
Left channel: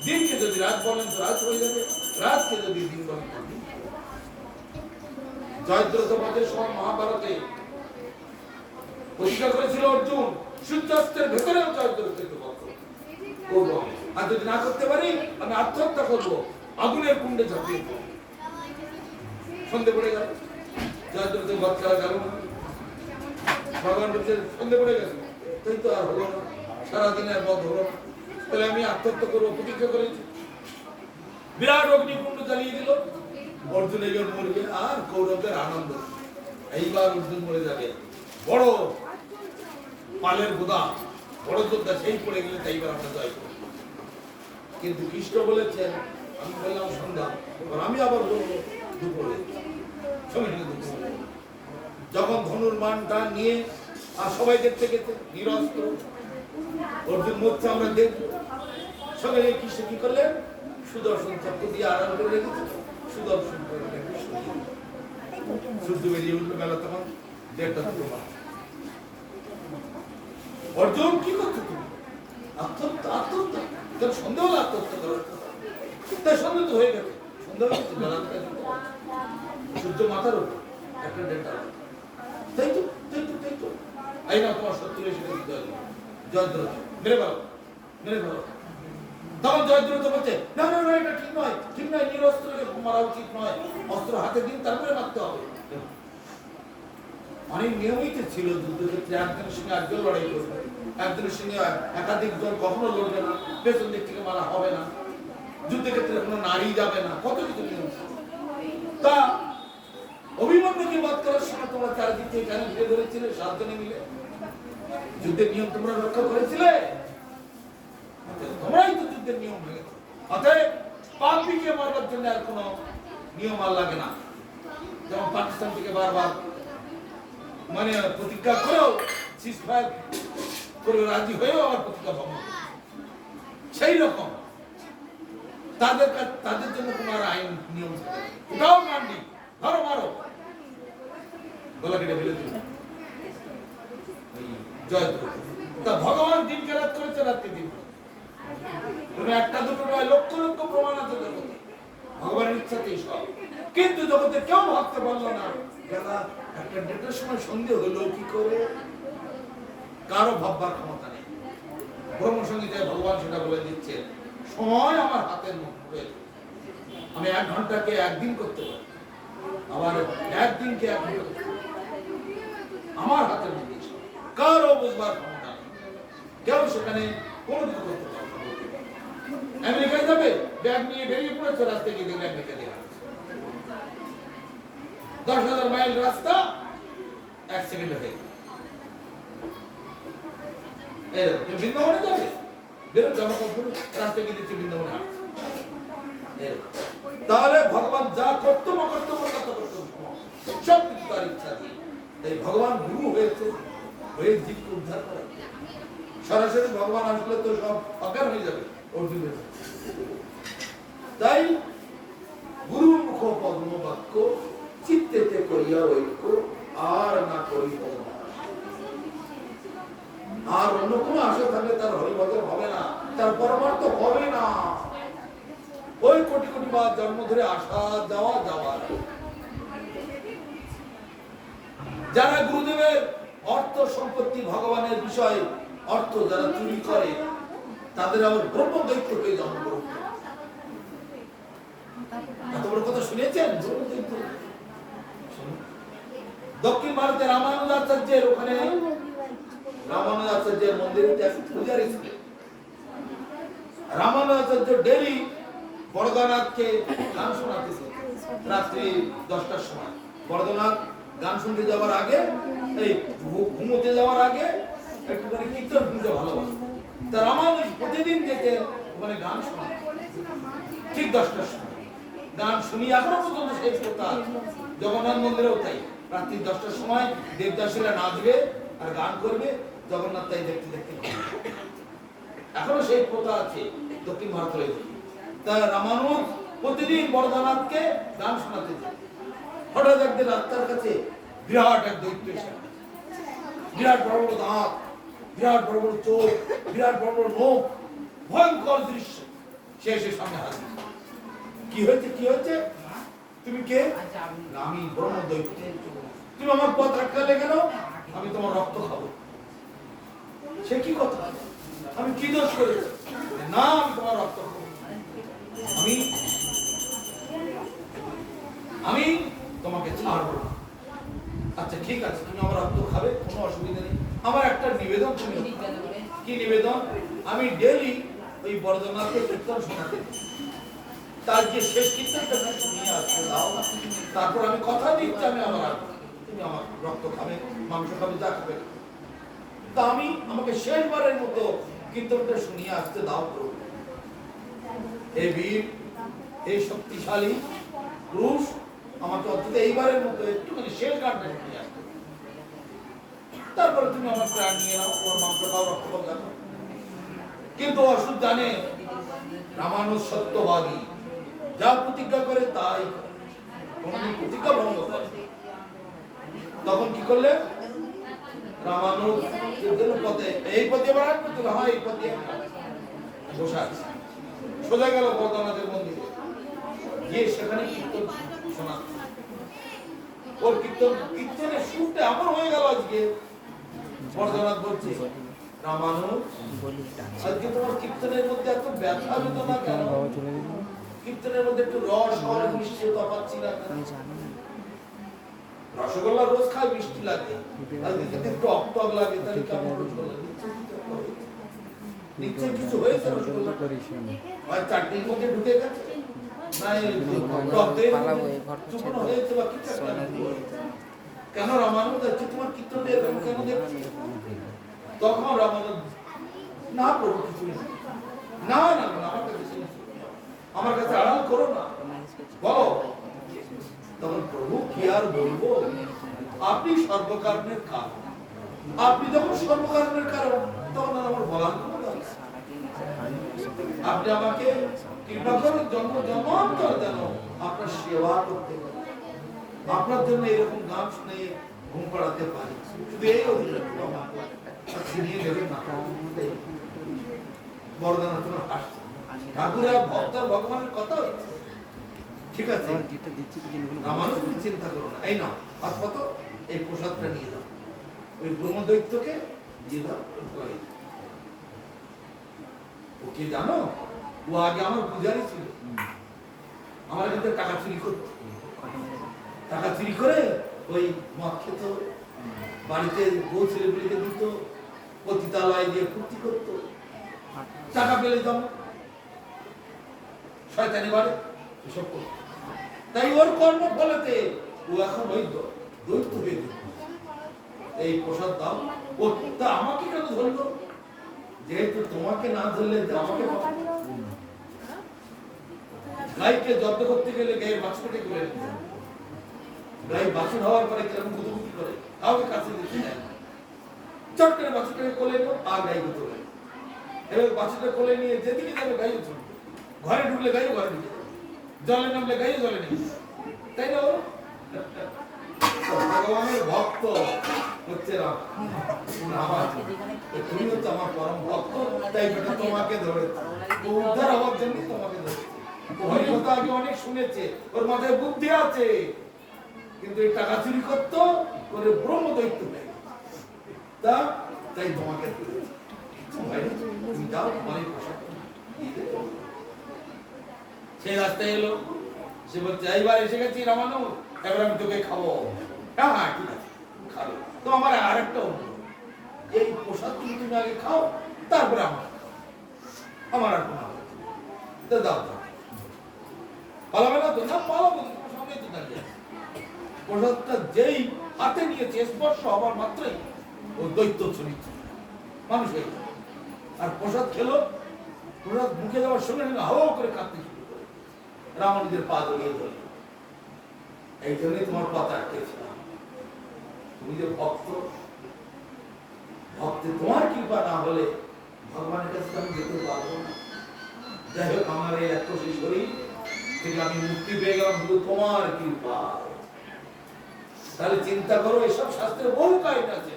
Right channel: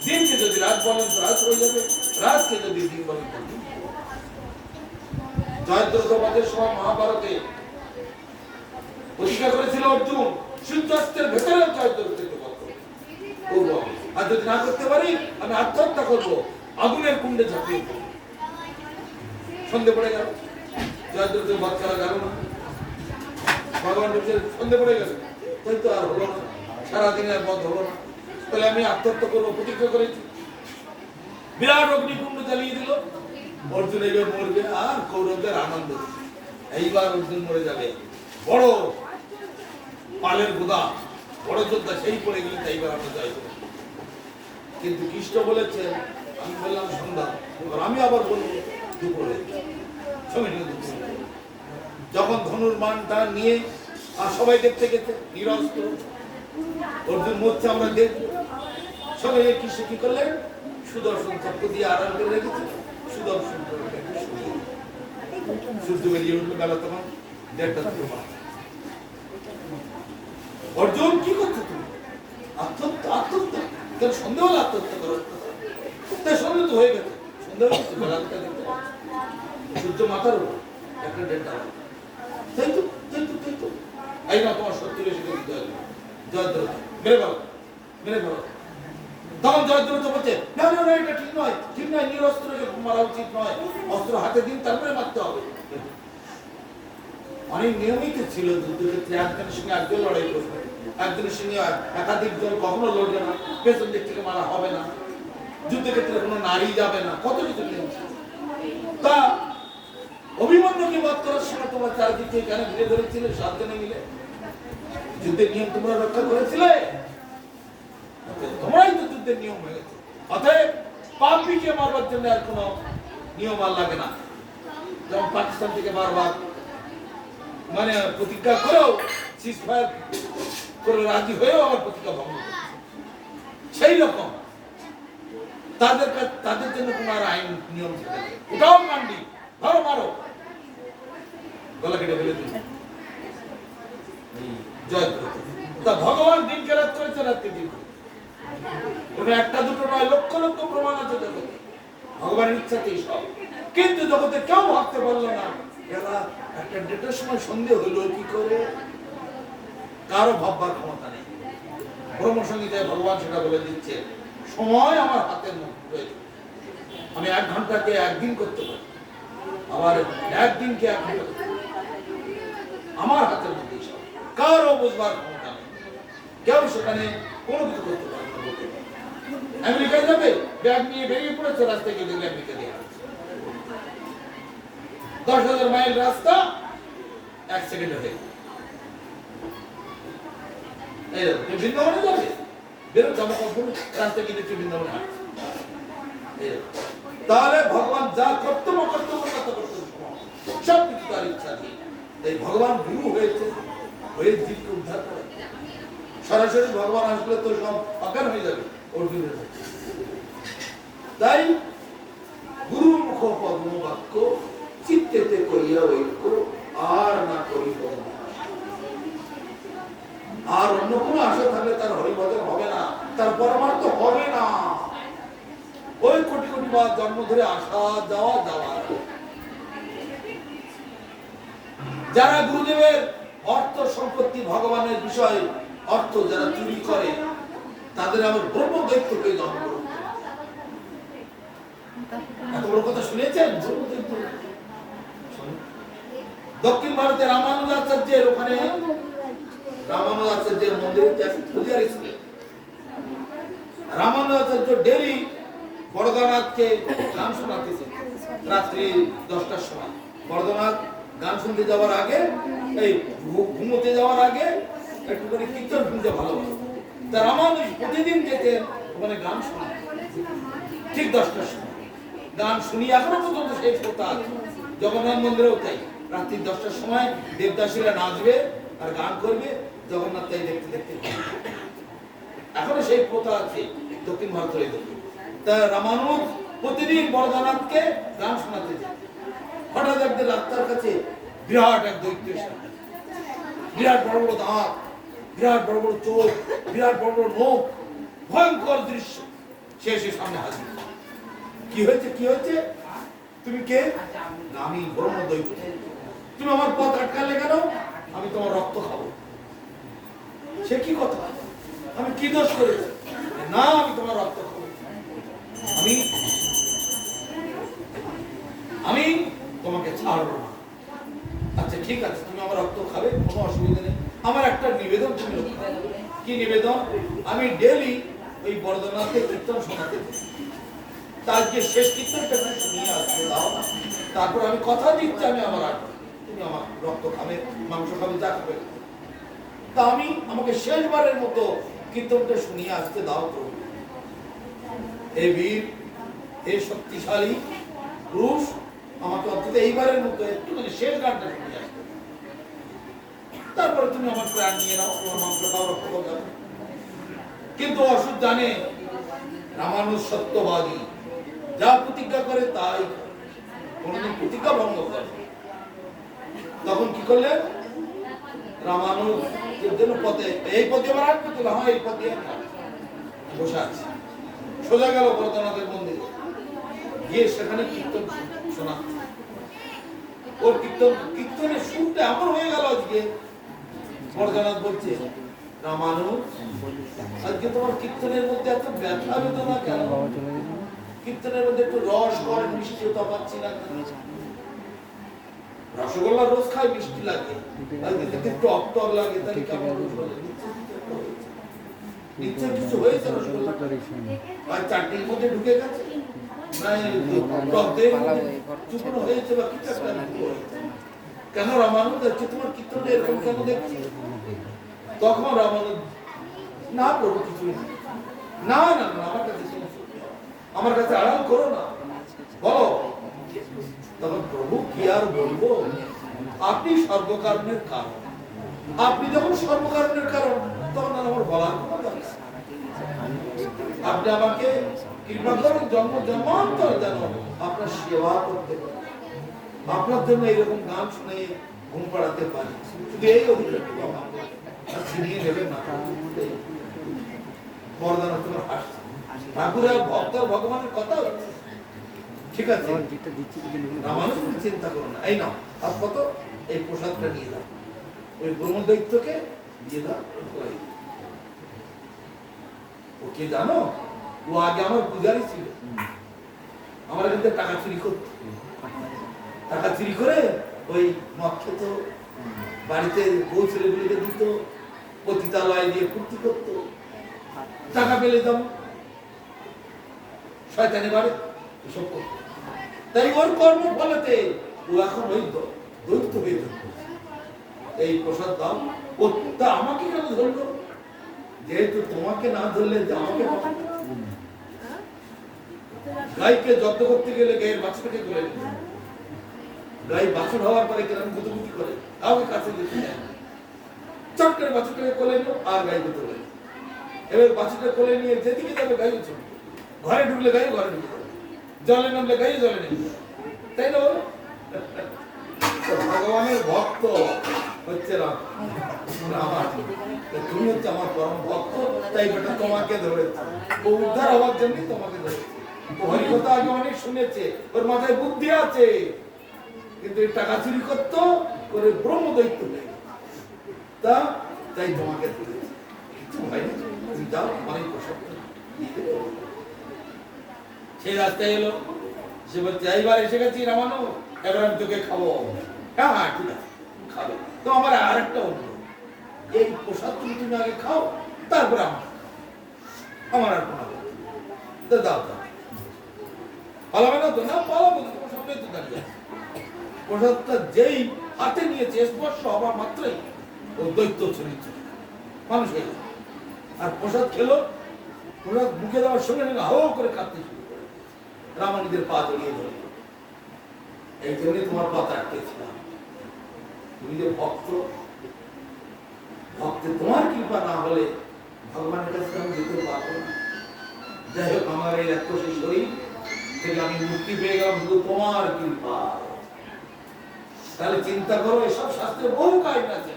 দিনকে যদি রাত বলেন, তো রাত হয়ে যাবে। রাতকে যদি দিন বলেন, তো দিন। জয়দ্রথবধের সময় মহাভারতে প্রতিজ্ঞা করেছিল অর্জুন, সূর্যাস্তের ভেতরে জয়দ্রথকে বধ করবো। আর যদি না করতে পারি, আমি আত্মহত্যা করবো, আগুনের কুণ্ডে ঝাঁপিয়ে পড়বো। সন্ধে পড়ে গেল, জয়দ্রথের বধ করা গেল না। ভগবান বলছে, সন্ধে পড়ে গেল, তাই তো আর হলো না, সারাদিনের বধ হলো না, তাহলে আমি আত্মহত্যা করবো, প্রতিজ্ঞা করেছি। বিরাট অগ্নিকুণ্ড জ্বালিয়ে দিল। অর্জুন এইবার মরবে, আর কৌরবদের আনন্দ, এইবার অর্জুন মরে যাবে। বড় পালের গোদা, বড় যোদ্ধা, সেই পড়ে গেলে এইবার আমরা জয় করব। কিন্তু কৃষ্ণ বলেছেন, আমি বললাম সন্ধ্যা, আমি আবার বলবো দুপুরে। যখন ধনুর মানটা নিয়ে আর সবাই দেখতে গেছে নিরস্ত্র, অর্জুন মরছে, আমরা দেখবো। সবাই কৃষ্ণ কি করলেন? সুদর্শন চক্র দিয়ে আড়াল করে রেখেছে, সুদর্শন সূর্য বেরিয়ে উঠলো, বেলা তখন 1:30 অর্জুন কি করছো তুমি? আত্মহত্যা আত্মহত্যা, তোর সন্দেহ হলো আত্মহত্যা করার কথা, তাই সন্দেহ তো হয়ে গেছে, সন্দেহ হচ্ছে বেলা সূর্য মাথার উপর একটা 1:30, তাই তো তাই তো তাই তো। এই না তোমার শত্রু এসে গেছে, জয়দ্রথ মেরে ফেলো মেরে ফেলো। তখন জয়দ্রথ বলছে না না না, এটা ঠিক নয় ঠিক নয়, নিরস্ত্রকে মারা উচিত নয়, অস্ত্র হাতে দিন তারপরে মারতে হবে। অনেক নিয়মিত ছিল যুদ্ধক্ষেত্রে, একজনের সঙ্গে একজন লড়াই করবে, একজনের সঙ্গে একাধিক দল কখনো লড়বে না, পেছন দিক থেকে মারা হবে না, যুদ্ধক্ষেত্রে কোনো নারী যাবে না, কত কিছু নিয়ম। তা অভিমন্যুকে বধ করার সময় তোমরা চারদিক থেকে কেন ঘিরে ধরেছিলে 7 জনে মিলে? যুদ্ধের নিয়ম তোমরা রক্ষা করেছিলে, তোমরাই তো যুদ্ধের নিয়ম ভেঙেছো। অতএব পাপীকে মারবার জন্য আর কোনো নিয়ম আর লাগে না। যেমন পাকিস্তান থেকে বারবার মানে প্রতিজ্ঞা করেও সিজফায়ার করে রাজি হয়েও আমার প্রতিজ্ঞা ভঙ্গ করে, সেই রকম তাদের জন্য কোনো আর আইন নিয়ম থাকে না। ওটাও কান্ডি, ধরো মারো, গলা কেটে ফেলে দিল জয়দ্রথ। তা ভগবান দিন কেরাত করেছে, রাতকে দিন করেছে। তুমি একটা দুটো নয়, লক্ষ লক্ষ প্রমাণ আছে জগতে, ভগবানের ইচ্ছাতেই সব। কিন্তু জগতে কেউ ভাবতে পারলো না বেলা 1:30 সময় সন্দেহ হলো কি করে, কারো ভাববার ক্ষমতা নেই। ব্রহ্মসংগীতায় ভগবান সেটা বলে দিচ্ছে, সময় আমার হাতের মধ্যে, আমি 1 ঘন্টাকে 1 দিন করতে পারি, আবার 1 দিনকে 1 ঘন্টা করতে পারি, আমার হাতের মধ্যে সব, কারো বুঝবার ক্ষমতা নেই, কেউ সেখানে কোনো কিছু করতে পারে না। আমেরিকায় যাবে, ব্যাগ নিয়ে বেরিয়ে পড়েছে, রাস্তায় গিয়ে দেখলে আমেরিকা দিয়ে 10,000 মাইল রাস্তা 1 সেকেন্ডে হয়ে গেল। এইরকম বৃন্দাবনে যাবে, বেরো জামা কাপড় রাস্তায় গিয়ে দেখছে বৃন্দাবনে। তাহলে ভগবান যা কর্তব্য কর্তব্য সব কিছু তার ইচ্ছা দিয়ে, এই ভগবান গুরু হয়েছে, হয়ে জীবকে উদ্ধার করে। সরাসরি ভগবান আসলে তো সব অজ্ঞান হয়ে যাবে অর্জুনের। তাই গুরুর মুখ পদ্ম বাক্য, চিত্তেতে করিয়া ঐক্য, আর না করিব। আর অন্য কোনো আশা থাকলে তার হরিভজন হবে না, তার পরমার্থ হবে না। ওই কোটি কোটি বার জন্ম ধরে আসা যাওয়া যাওয়া। যারা গুরুদেবের অর্থ সম্পত্তি ভগবানের বিষয়ে অর্থ যারা চুরি করে, তাদের আবার ব্রহ্ম দৈত্যকে জন্ম। এত বড় কথা শুনেছেন? দক্ষিণ ভারতে রামানুজাচার্যের ওখানে, রামানুজাচার্যের মন্দিরে পূজার স্কুলে রামানুজাচার্য ডেলি বড়দানাথকে গান শোনাতেছে রাত্রি 10টার সময়। বড়দানাথ গান শুনতে যাওয়ার আগে, এই ঘুমোতে যাওয়ার আগে একটুখানি কীর্তন শুনতে ভালোবাসে। তা রামানুজ প্রতিদিন যেতে ওখানে গান শোনা, ঠিক 10টার সময় গান শুনি। এখনো পর্যন্ত সেই প্রথা জগন্নাথ মন্দিরেও তাই, রাত্রি 10টার সময় দেবদাসীরা নাচবে আর গান করবে, জগন্নাথ তাই দেখতে দেখতে। এখনো সেই প্রথা আছে দক্ষিণ ভারতের। তা রামানুজ প্রতিদিন বড়দানাথকে গান শোনাতে যায়। হঠাৎ একদিন রাস্তার কাছে বিরাট এক দৈত্য এসে, বিরাট বড় বড় দাঁত, বিরাট বড় বড় চোখ, বিরাট বড় বড় মুখ, ভয়ঙ্কর দৃশ্য। সে এসে সামনে হাজির। কি হয়েছে কি হয়েছে? তুমি কে? আমি ব্রহ্ম দৈত্য। তুমি আমার পথ আটকালে কেন? আমি তোমার রক্ত খাবো। সে কি কথা? আমি কি দোষ করেছি? না, আমি তোমার রক্ত খাবো। আমি তোমাকে ছাড়বো না। আচ্ছা ঠিক আছে, তুমি আমার রক্ত খাবে, কোনো অসুবিধা নেই। আমার একটা নিবেদন তুমি রক্ষা। কি নিবেদন? আমি ডেলি ওই বড়দানাথকে কীর্তন শোনাতে, তার যে শেষ কীর্তনটা শুনিয়ে আসতে দাও, তারপর আমি কথা দিচ্ছি আমি আমার আসবো, তুমি আমার রক্ত খাবে, মাংস খাবে, যা খাবে। তা আমি আমাকে শেষবারের মতো কীর্তনটা শুনিয়ে আসতে দাও তো। হে বীর, হে শক্তিশালী পুরুষ, আমাকে অন্তত এইবারের মতো একটুখানি শেষ গানটা শুনিয়ে আসতে, তারপরে তুমি আমার প্রাণ নিয়ে নাও, তোমার মাংস খাও, রক্ত খাও, যাবে। কিন্তু অসুর জানে রামানুজ সত্যবাদী, যা প্রতিজ্ঞা করে তাই কোনদিন প্রতিজ্ঞা ভঙ্গ করে। তখন কি করলেন? রামানুজের জন্য পথে, এই পথে আবার আসবে তো, হ্যাঁ এই পথে বসে আছে। সোজা গেল বরদানাথের মন্দিরে, গিয়ে সেখানে কীর্তন শোনা। ওর কীর্তনের সুরটা এমন হয়ে গেল আজকে, বরদানাথ বলছে, রামানুজ আজকে তোমার কীর্তনের মধ্যে এত ব্যথা বেদনা কেন? কীর্তনের মধ্যে একটু রস কর, মিষ্টিও পাচ্ছি না। রসগোল্লা রোজ খাই, মিষ্টি লাগে, একটু টক টক লাগে, তাহলে কেমন নিচে কিছু হয়েছে? রসগোল্লা আর চাটনির মধ্যে ঢুকে গেছে, কেন রামানুজ হচ্ছে তোমার কীর্তনটা এরকম কেন দেখছি? তখন রামানুজ, না প্রভু কিছুই না, না না আমার কাছে, আমার কাছে আড়াল করো না, বলো। তখন প্রভু কি আর বলবো, আপনি সর্বকারণের কারণ, আপনি যখন সর্বকারণের কারণ, তখন আর আমার বলার কোনো দরকার। আপনি আমাকে কৃপা করুন, জন্ম জন্মান্তর যেন আপনার সেবা করতে পারি, আপনার জন্য এরকম গান শুনে ঘুম পাড়াতে পারি, শুধু এই অধিকার ছিনিয়ে নেবেন না। বরদান তোমার হাসছে, ঠাকুর আর ভক্ত আর ভগবানের কথা হচ্ছে, ঠিক আছে রামানুজ চিন্তা করো না, এই নাও হাত পত, এই প্রসাদটা নিয়ে দাও, ওই ব্রহ্মদৈত্যকে দিয়ে দাও। ও কে জানো? ও আগে আমার পূজারি ছিল, আমার কিন্তু টাকা চুরি করত, টাকা চুরি করে ওই মদ খেত, বাড়িতে বউ ছেলেগুলিকে দিত, পতিতালয় দিয়ে ফুর্তি করত, টাকা পেলে দাম শয়তানি বাড়ে এসব করত। তাই ওর কর্ম ফলেতে ও এখন ওই দৈত্য হয়ে যেত। এই প্রসাদ দাও, ও তা আমাকে কেন ধরলো? যেহেতু তোমাকে না ধরলে যে আমাকে পাবে। গাইকে যত্ন করতে গেলে গায়ের বাছুরটাকে কোলে নিতে, গাই বাছুর হওয়ার পরে কিরকম গুতুগুতি করে, কাউকে কাছে যেতে দেয় না, চট করে বাছুরটাকে কোলে নিল আর গাই যেতে পারে। এবার বাছুরটা কোলে নিয়ে যেদিকে যাবে গাইও চলবে, ঘরে ঢুকলে গাইও ঘরে ঢুকে যাবে, জলে নামলে গাইও জলে নেমে, তাই না? ভগবানের ভক্ত হচ্ছে রাম, তুমি হচ্ছে আমার পরম ভক্ত, তাই বেটা তোমাকে ধরেছে, উদ্ধার হওয়ার জন্য তোমাকে ধরেছে। হরিকথা আগে অনেক শুনেছে, ওর মাথায় বুদ্ধি আছে, কিন্তু এই টাকা চুরি করতো করে ব্রহ্মদৈত্য নেই, তাই তোমাকে ধরেছে। কিছু ভাই তুমি যাও, অনেক পোশাক সেই রাস্তায় এলো, সে বলছে এইবার এসে গেছি রামানুজ, এবার আমি তোকে খাবো। হ্যাঁ হ্যাঁ ঠিক আছে খাবে, তো আমার আর একটা অনুরোধ, এই প্রসাদ তুমি আগে খাও, তারপর আমার আর কোনো দাও দাও, পালাবে না তো? না পালাবো, তোমার সামনে তো দাঁড়িয়ে। প্রসাদটা যেই হাতে নিয়েছে, স্পর্শ হবার মাত্রই ও দৈত্য চরিত্র মানুষ হয়ে গেল, আর প্রসাদ খেলো, প্রসাদ মুখে দেওয়ার সঙ্গে সঙ্গে হাওয়া করে কাঁদতে শুরু করে, রামানুজের পা জড়িয়ে ধরল। এই জন্যই তোমার পাতা আটকেছিলাম, তুমি যে ভক্ত, ভক্তে তোমার কৃপা না হলে ভগবানের কাছে আমি যেতে পারবো না। যাই হোক, আমার এই রাক্ষসী শরীর থেকে আমি মুক্তি পেয়ে গেলাম শুধু তোমার কৃপা। তাহলে চিন্তা করো, এসব শাস্ত্রে বহু কাহিনী আছে,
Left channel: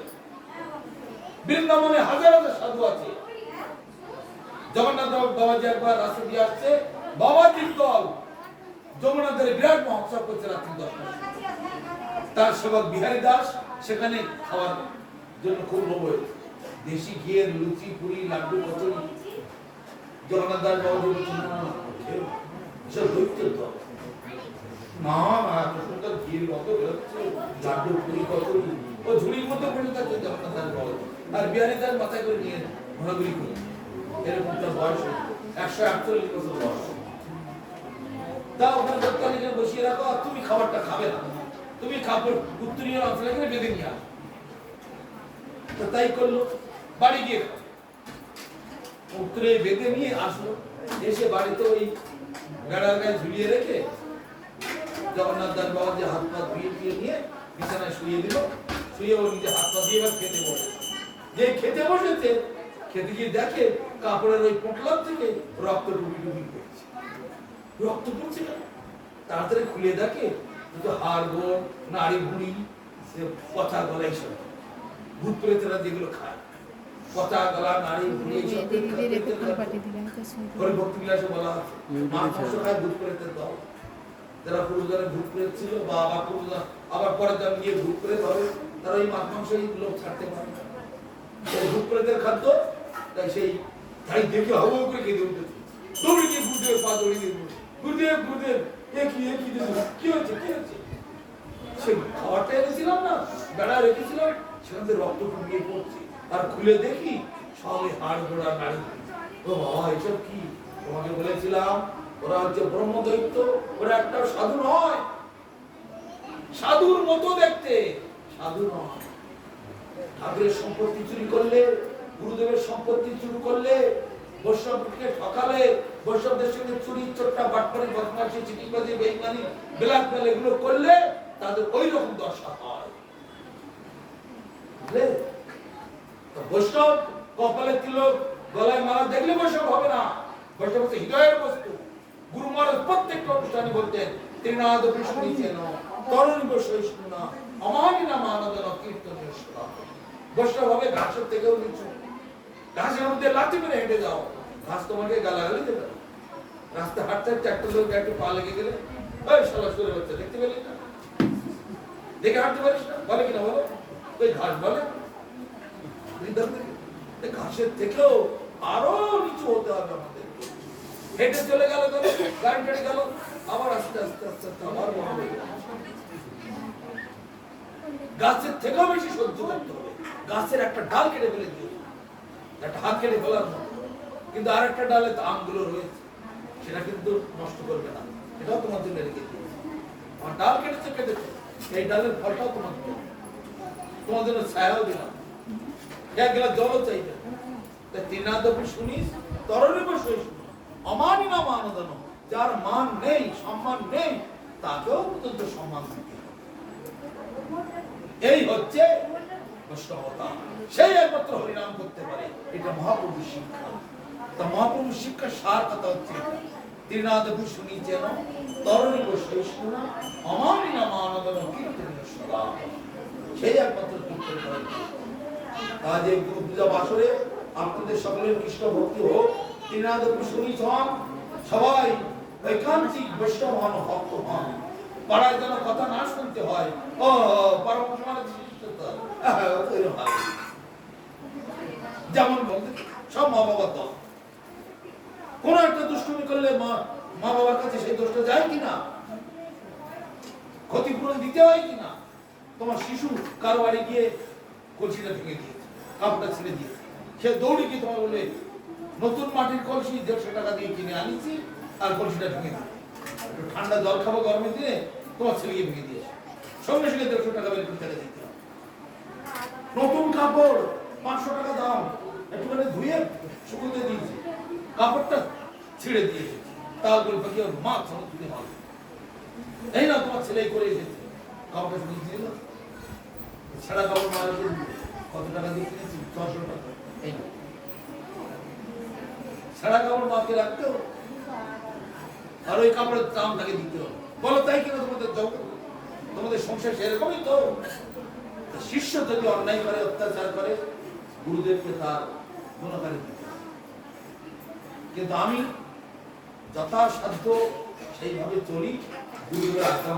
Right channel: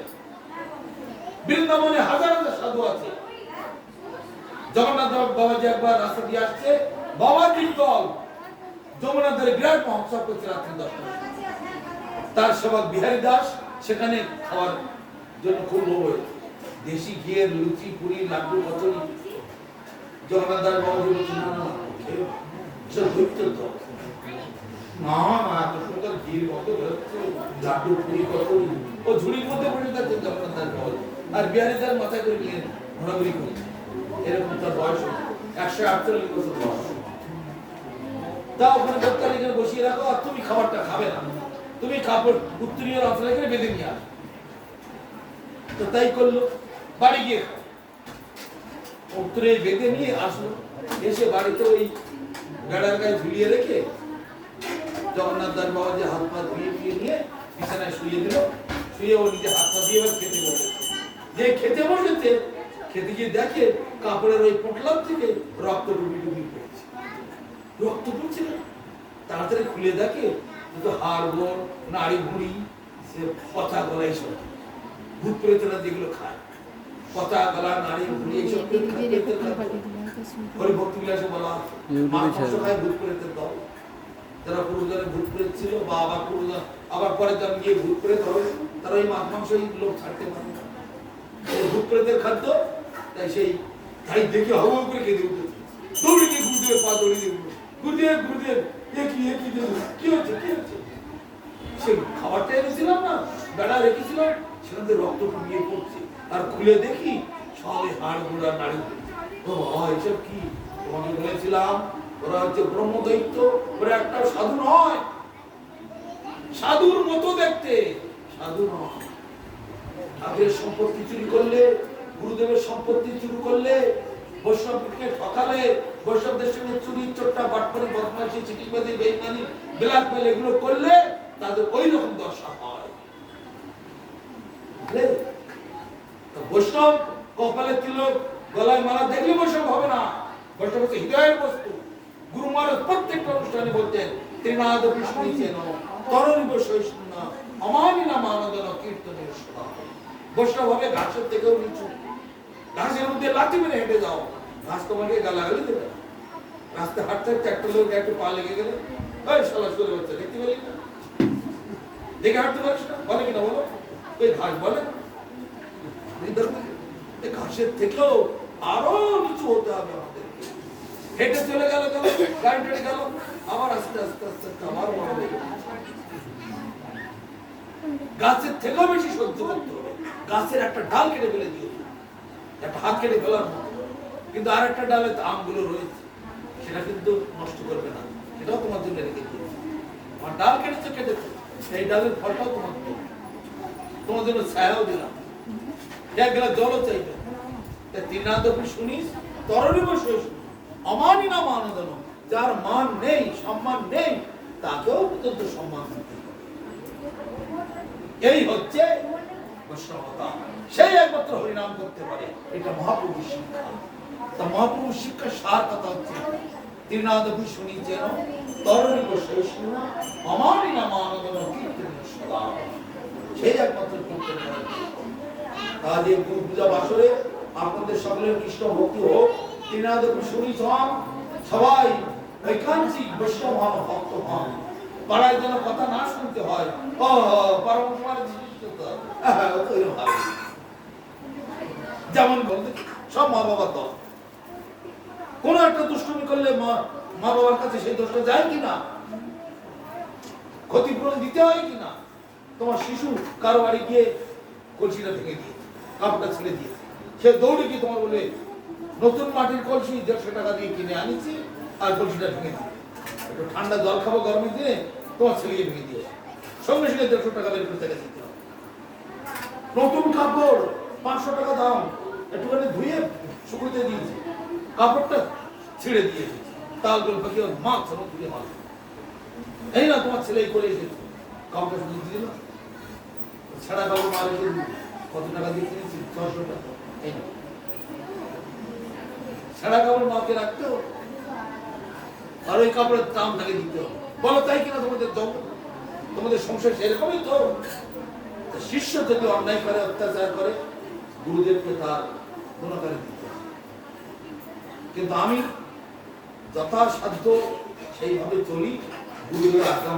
বৃন্দাবনে হাজার হাজার সাধু আছে। জগন্নাথ বাবাজি একবার রাস্তা দিয়ে আসছে, বাবাজির দল যমুনাদের বিরাট মহোৎসব করছে রাত্রি 10টার। তার সেবক বিহারী দাস সেখানে খাওয়ার জন্য খুব লোভ হয়েছে, দেশি ঘিয়ের লুচি পুরি লাড্ডু কচুরি। জগন্নাথ দাস বাবাজি বলছে না না এসব দৈত্যের দল, না না এত সুন্দর ঘির মতো বেরোচ্ছে, লাড্ডু পুরি কচুরি ও ঝুড়ির মধ্যে পড়ে যাচ্ছে জগন্নাথ দাস বাবাজি, আর বিহারী দাস মাথায় করে নিয়ে ঘোরাঘুরি করছে। এরকম তার বয়স 148 বছর বয়স। তা ওখানে দত্তালিকে বসিয়ে রাখো, আর তুমি খাবারটা খাবে না, তুমি কাপড় উত্তরীয় রাফলাকে বেঁধে নিয়ে আসো। তো তাই করলো, বাড়ি গিয়ে উত্তরে বেঁধে নিয়ে আসলো, এসে বাড়িতে ওই বেড়ার গায়ে ঝুলিয়ে রেখে জগন্নাথ দাস বাবাজি হাত পা ধুয়ে নিয়ে বিছানায় শুয়ে দিল, শুয়ে ও নিজে হাত পা দিয়ে এবার খেতে বসে। যে খেতে বসেছে, খেতে গিয়ে দেখে কাপড়ের ওই পোটলার থেকে রক্ত ডুবি ডুবি পড়ছে, রক্ত পড়ছে না, তাড়াতাড়ি খুলে দেখে শুধু হাড় গোড়, নাড়ি ভুঁড়ি, পচা গলা এইসব ভূত প্রেতরা যেগুলো খায়, পচা গলা, নাড়ি ভুঁড়ি এইসব করে ভক্তি বিলাসে বলা আছে। মাছ মাংস খায় ভূত প্রেতের দল। যারা পূর্বজনে ভূত প্রেত ছিল বা আবার পূর্বজন আবার পরে যারা গিয়ে ভূত প্রেত হবে, তারা ওই মাছ মাংস এই লোক ছাড়তে পারে না। ভূত প্রেতের খাদ্য, তাই সেই তাই দেখে হাওয়া করে কেঁদে উঠেছে, দৌড়ে গিয়ে গুরুদেবের পা দৌড়ে দিয়ে গুরুদেব গুরুদেব কি হয়েছে কি হয়েছে। সে খাবারটা এনেছিলাম না, বেড়া রেখেছিলাম, সেখান থেকে রক্ত ফুটিয়ে পড়ছে, আর খুলে দেখি সবে হাড় গোড়া নাড়ি। ও বাবা, এসব কি? তোমাকে বলেছিলাম ওরা হচ্ছে ব্রহ্মদৈত্য, ওরা একটা সাধু নয়, সাধুর মতো দেখতে, সাধু নয়। ঠাকুরের সম্পত্তি চুরি করলে, গুরুদেবের সম্পত্তি চুরি করলে, বৈষ্ণবকে ঠকালে, বৈষ্ণবদের সঙ্গে চুরি, চোট্টা, বাটপারি, বদমাশি, চিটিবাজি, বেইমানি, ব্ল্যাকমেল এগুলো করলে তাদের ওই রকম দশা হয়। বুঝলে? বৈষ্ণব কপালে তিলক, গলায় মালা দেখলে বৈষ্ণব হবে না। বৈষ্ণব হচ্ছে হৃদয়ের বস্তু। গুরু মহারাজ প্রত্যেকটা অনুষ্ঠানে বলতেন, ত্রিনাদ বিষ্ণু চেন তরণী বৈষ্ণব না অমানি না মানদন কীর্তনীয় সদা। বৈষ্ণব হবে ঘাসের থেকেও নিচু। ঘাসের মধ্যে লাঠি মেরে হেঁটে যাও, ঘাস তোমাকে গালাগালি দেবে। রাস্তায় হাঁটতে একটা লোক একটু পা লেগে গেলে, ওই শালা সরে বাচ্চা দেখতে পেলি না, দেখে হাঁটতে পারিস না, বলে কিনা বলো? ওই ঘাস বলে ঘাসের থেকেও আরো নিচু হতে হবে আমাদের। হেঁটে চলে গেল, গাড়ি টাড়ি গেল, আবার আস্তে আস্তে আস্তে আস্তে আবার বড় হয়ে গেল। গাছের থেকেও বেশি সহ্য করতে হবে। গাছের একটা ডাল কেটে ফেলে দিও, একটা হাত কেটে ফেলার মতো, কিন্তু আর একটা ডালে আমগুলো রয়েছে, সেটা কিন্তু নষ্ট করবে না, সেটাও তোমার জন্য রেখে দিয়েছে। আমার ডাল কেটেছে কেটেছে, সেই ডালের ফলটাও তোমার জন্য, তোমার জন্য ছায়াও দিলাম, এক গ্লাস জলও চাইবে। ত্রিনাদপি শুনিস তরণী বসে অমানি না মানদন, যার মান নেই, সম্মান নেই, তাকেও পর্যন্ত সম্মান দিতে হবে। এই হচ্ছে বৈষ্ণবতা। সেই একমাত্র হরিনাম করতে পারে, এটা মহাপ্রভুর শিক্ষা। তা মহাপ্রভুর শিক্ষার সার কথা হচ্ছে ত্রিনাদপি শুনি যেন তরণী বসে অমানি না মানদন কীর্তনীয় সদা। সেই একমাত্র কীর্তন করে। আজ এই পূজা বাসরে আপনাদের সকলের কৃষ্ণ ভক্তি হোক, ত্রিনাদপি শুনি হন, সবাই ঐকান্তিক বৈষ্ণব হন, ভক্ত হন। পাড়ায় যেন কথা না শুনতে হয়, ও পরম যেমন বলতে সব মা বাবা দল, কোন একটা দুষ্টুমি করলে মা বাবার কাছে সেই দোষটা যায় কিনা, ক্ষতিপূরণ দিতে হয় কিনা। তোমার শিশু কারো বাড়ি গিয়ে কলসিটা ভেঙে দিয়েছে, কাপটা ছিঁড়ে দিয়েছে, সে দৌড়ে গিয়ে তোমার বলে নতুন মাটির কলসি 150 টাকা দিয়ে কিনে আনিছি, আর কলসিটা ভেঙে দিয়েছে। একটু ঠান্ডা জল খাবো গরমের দিনে, তোমার ছেলে ভেঙে দিয়েছে, সঙ্গে সঙ্গে 150 টাকা বের করে টাকা দিতে হবে। নতুন কাপড় 500 টাকা দাম, একটুখানি ধুয়ে শুকুতে দিয়েছি, কাপড়টা ছিঁড়ে দিয়েছে, তাল করে পাকিয়ে মাছ তুলে মাছ, এই না তোমার ছেলে করে এসেছে, কাপড়টা শুধু দিয়ে দিল, ছাড়া কাপড় মাল এসে কত টাকা দিয়ে কিনেছি? 600 টাকা। এই না ছাড়া কাপড় মাকে রাখতে হবে, আর ওই কাপড়ের দাম তাকে দিতে হবে। বলো তাই কিনা তোমাদের জগৎ, তোমাদের সংসার সেরকমই তো। শিষ্য যদি অন্যায় করে, অত্যাচার করে, গুরুদেবকে তার গুণকারী দিতে হবে। কিন্তু আমি যথাসাধ্য সেইভাবে চলি, গুরুদেবের আজ্ঞা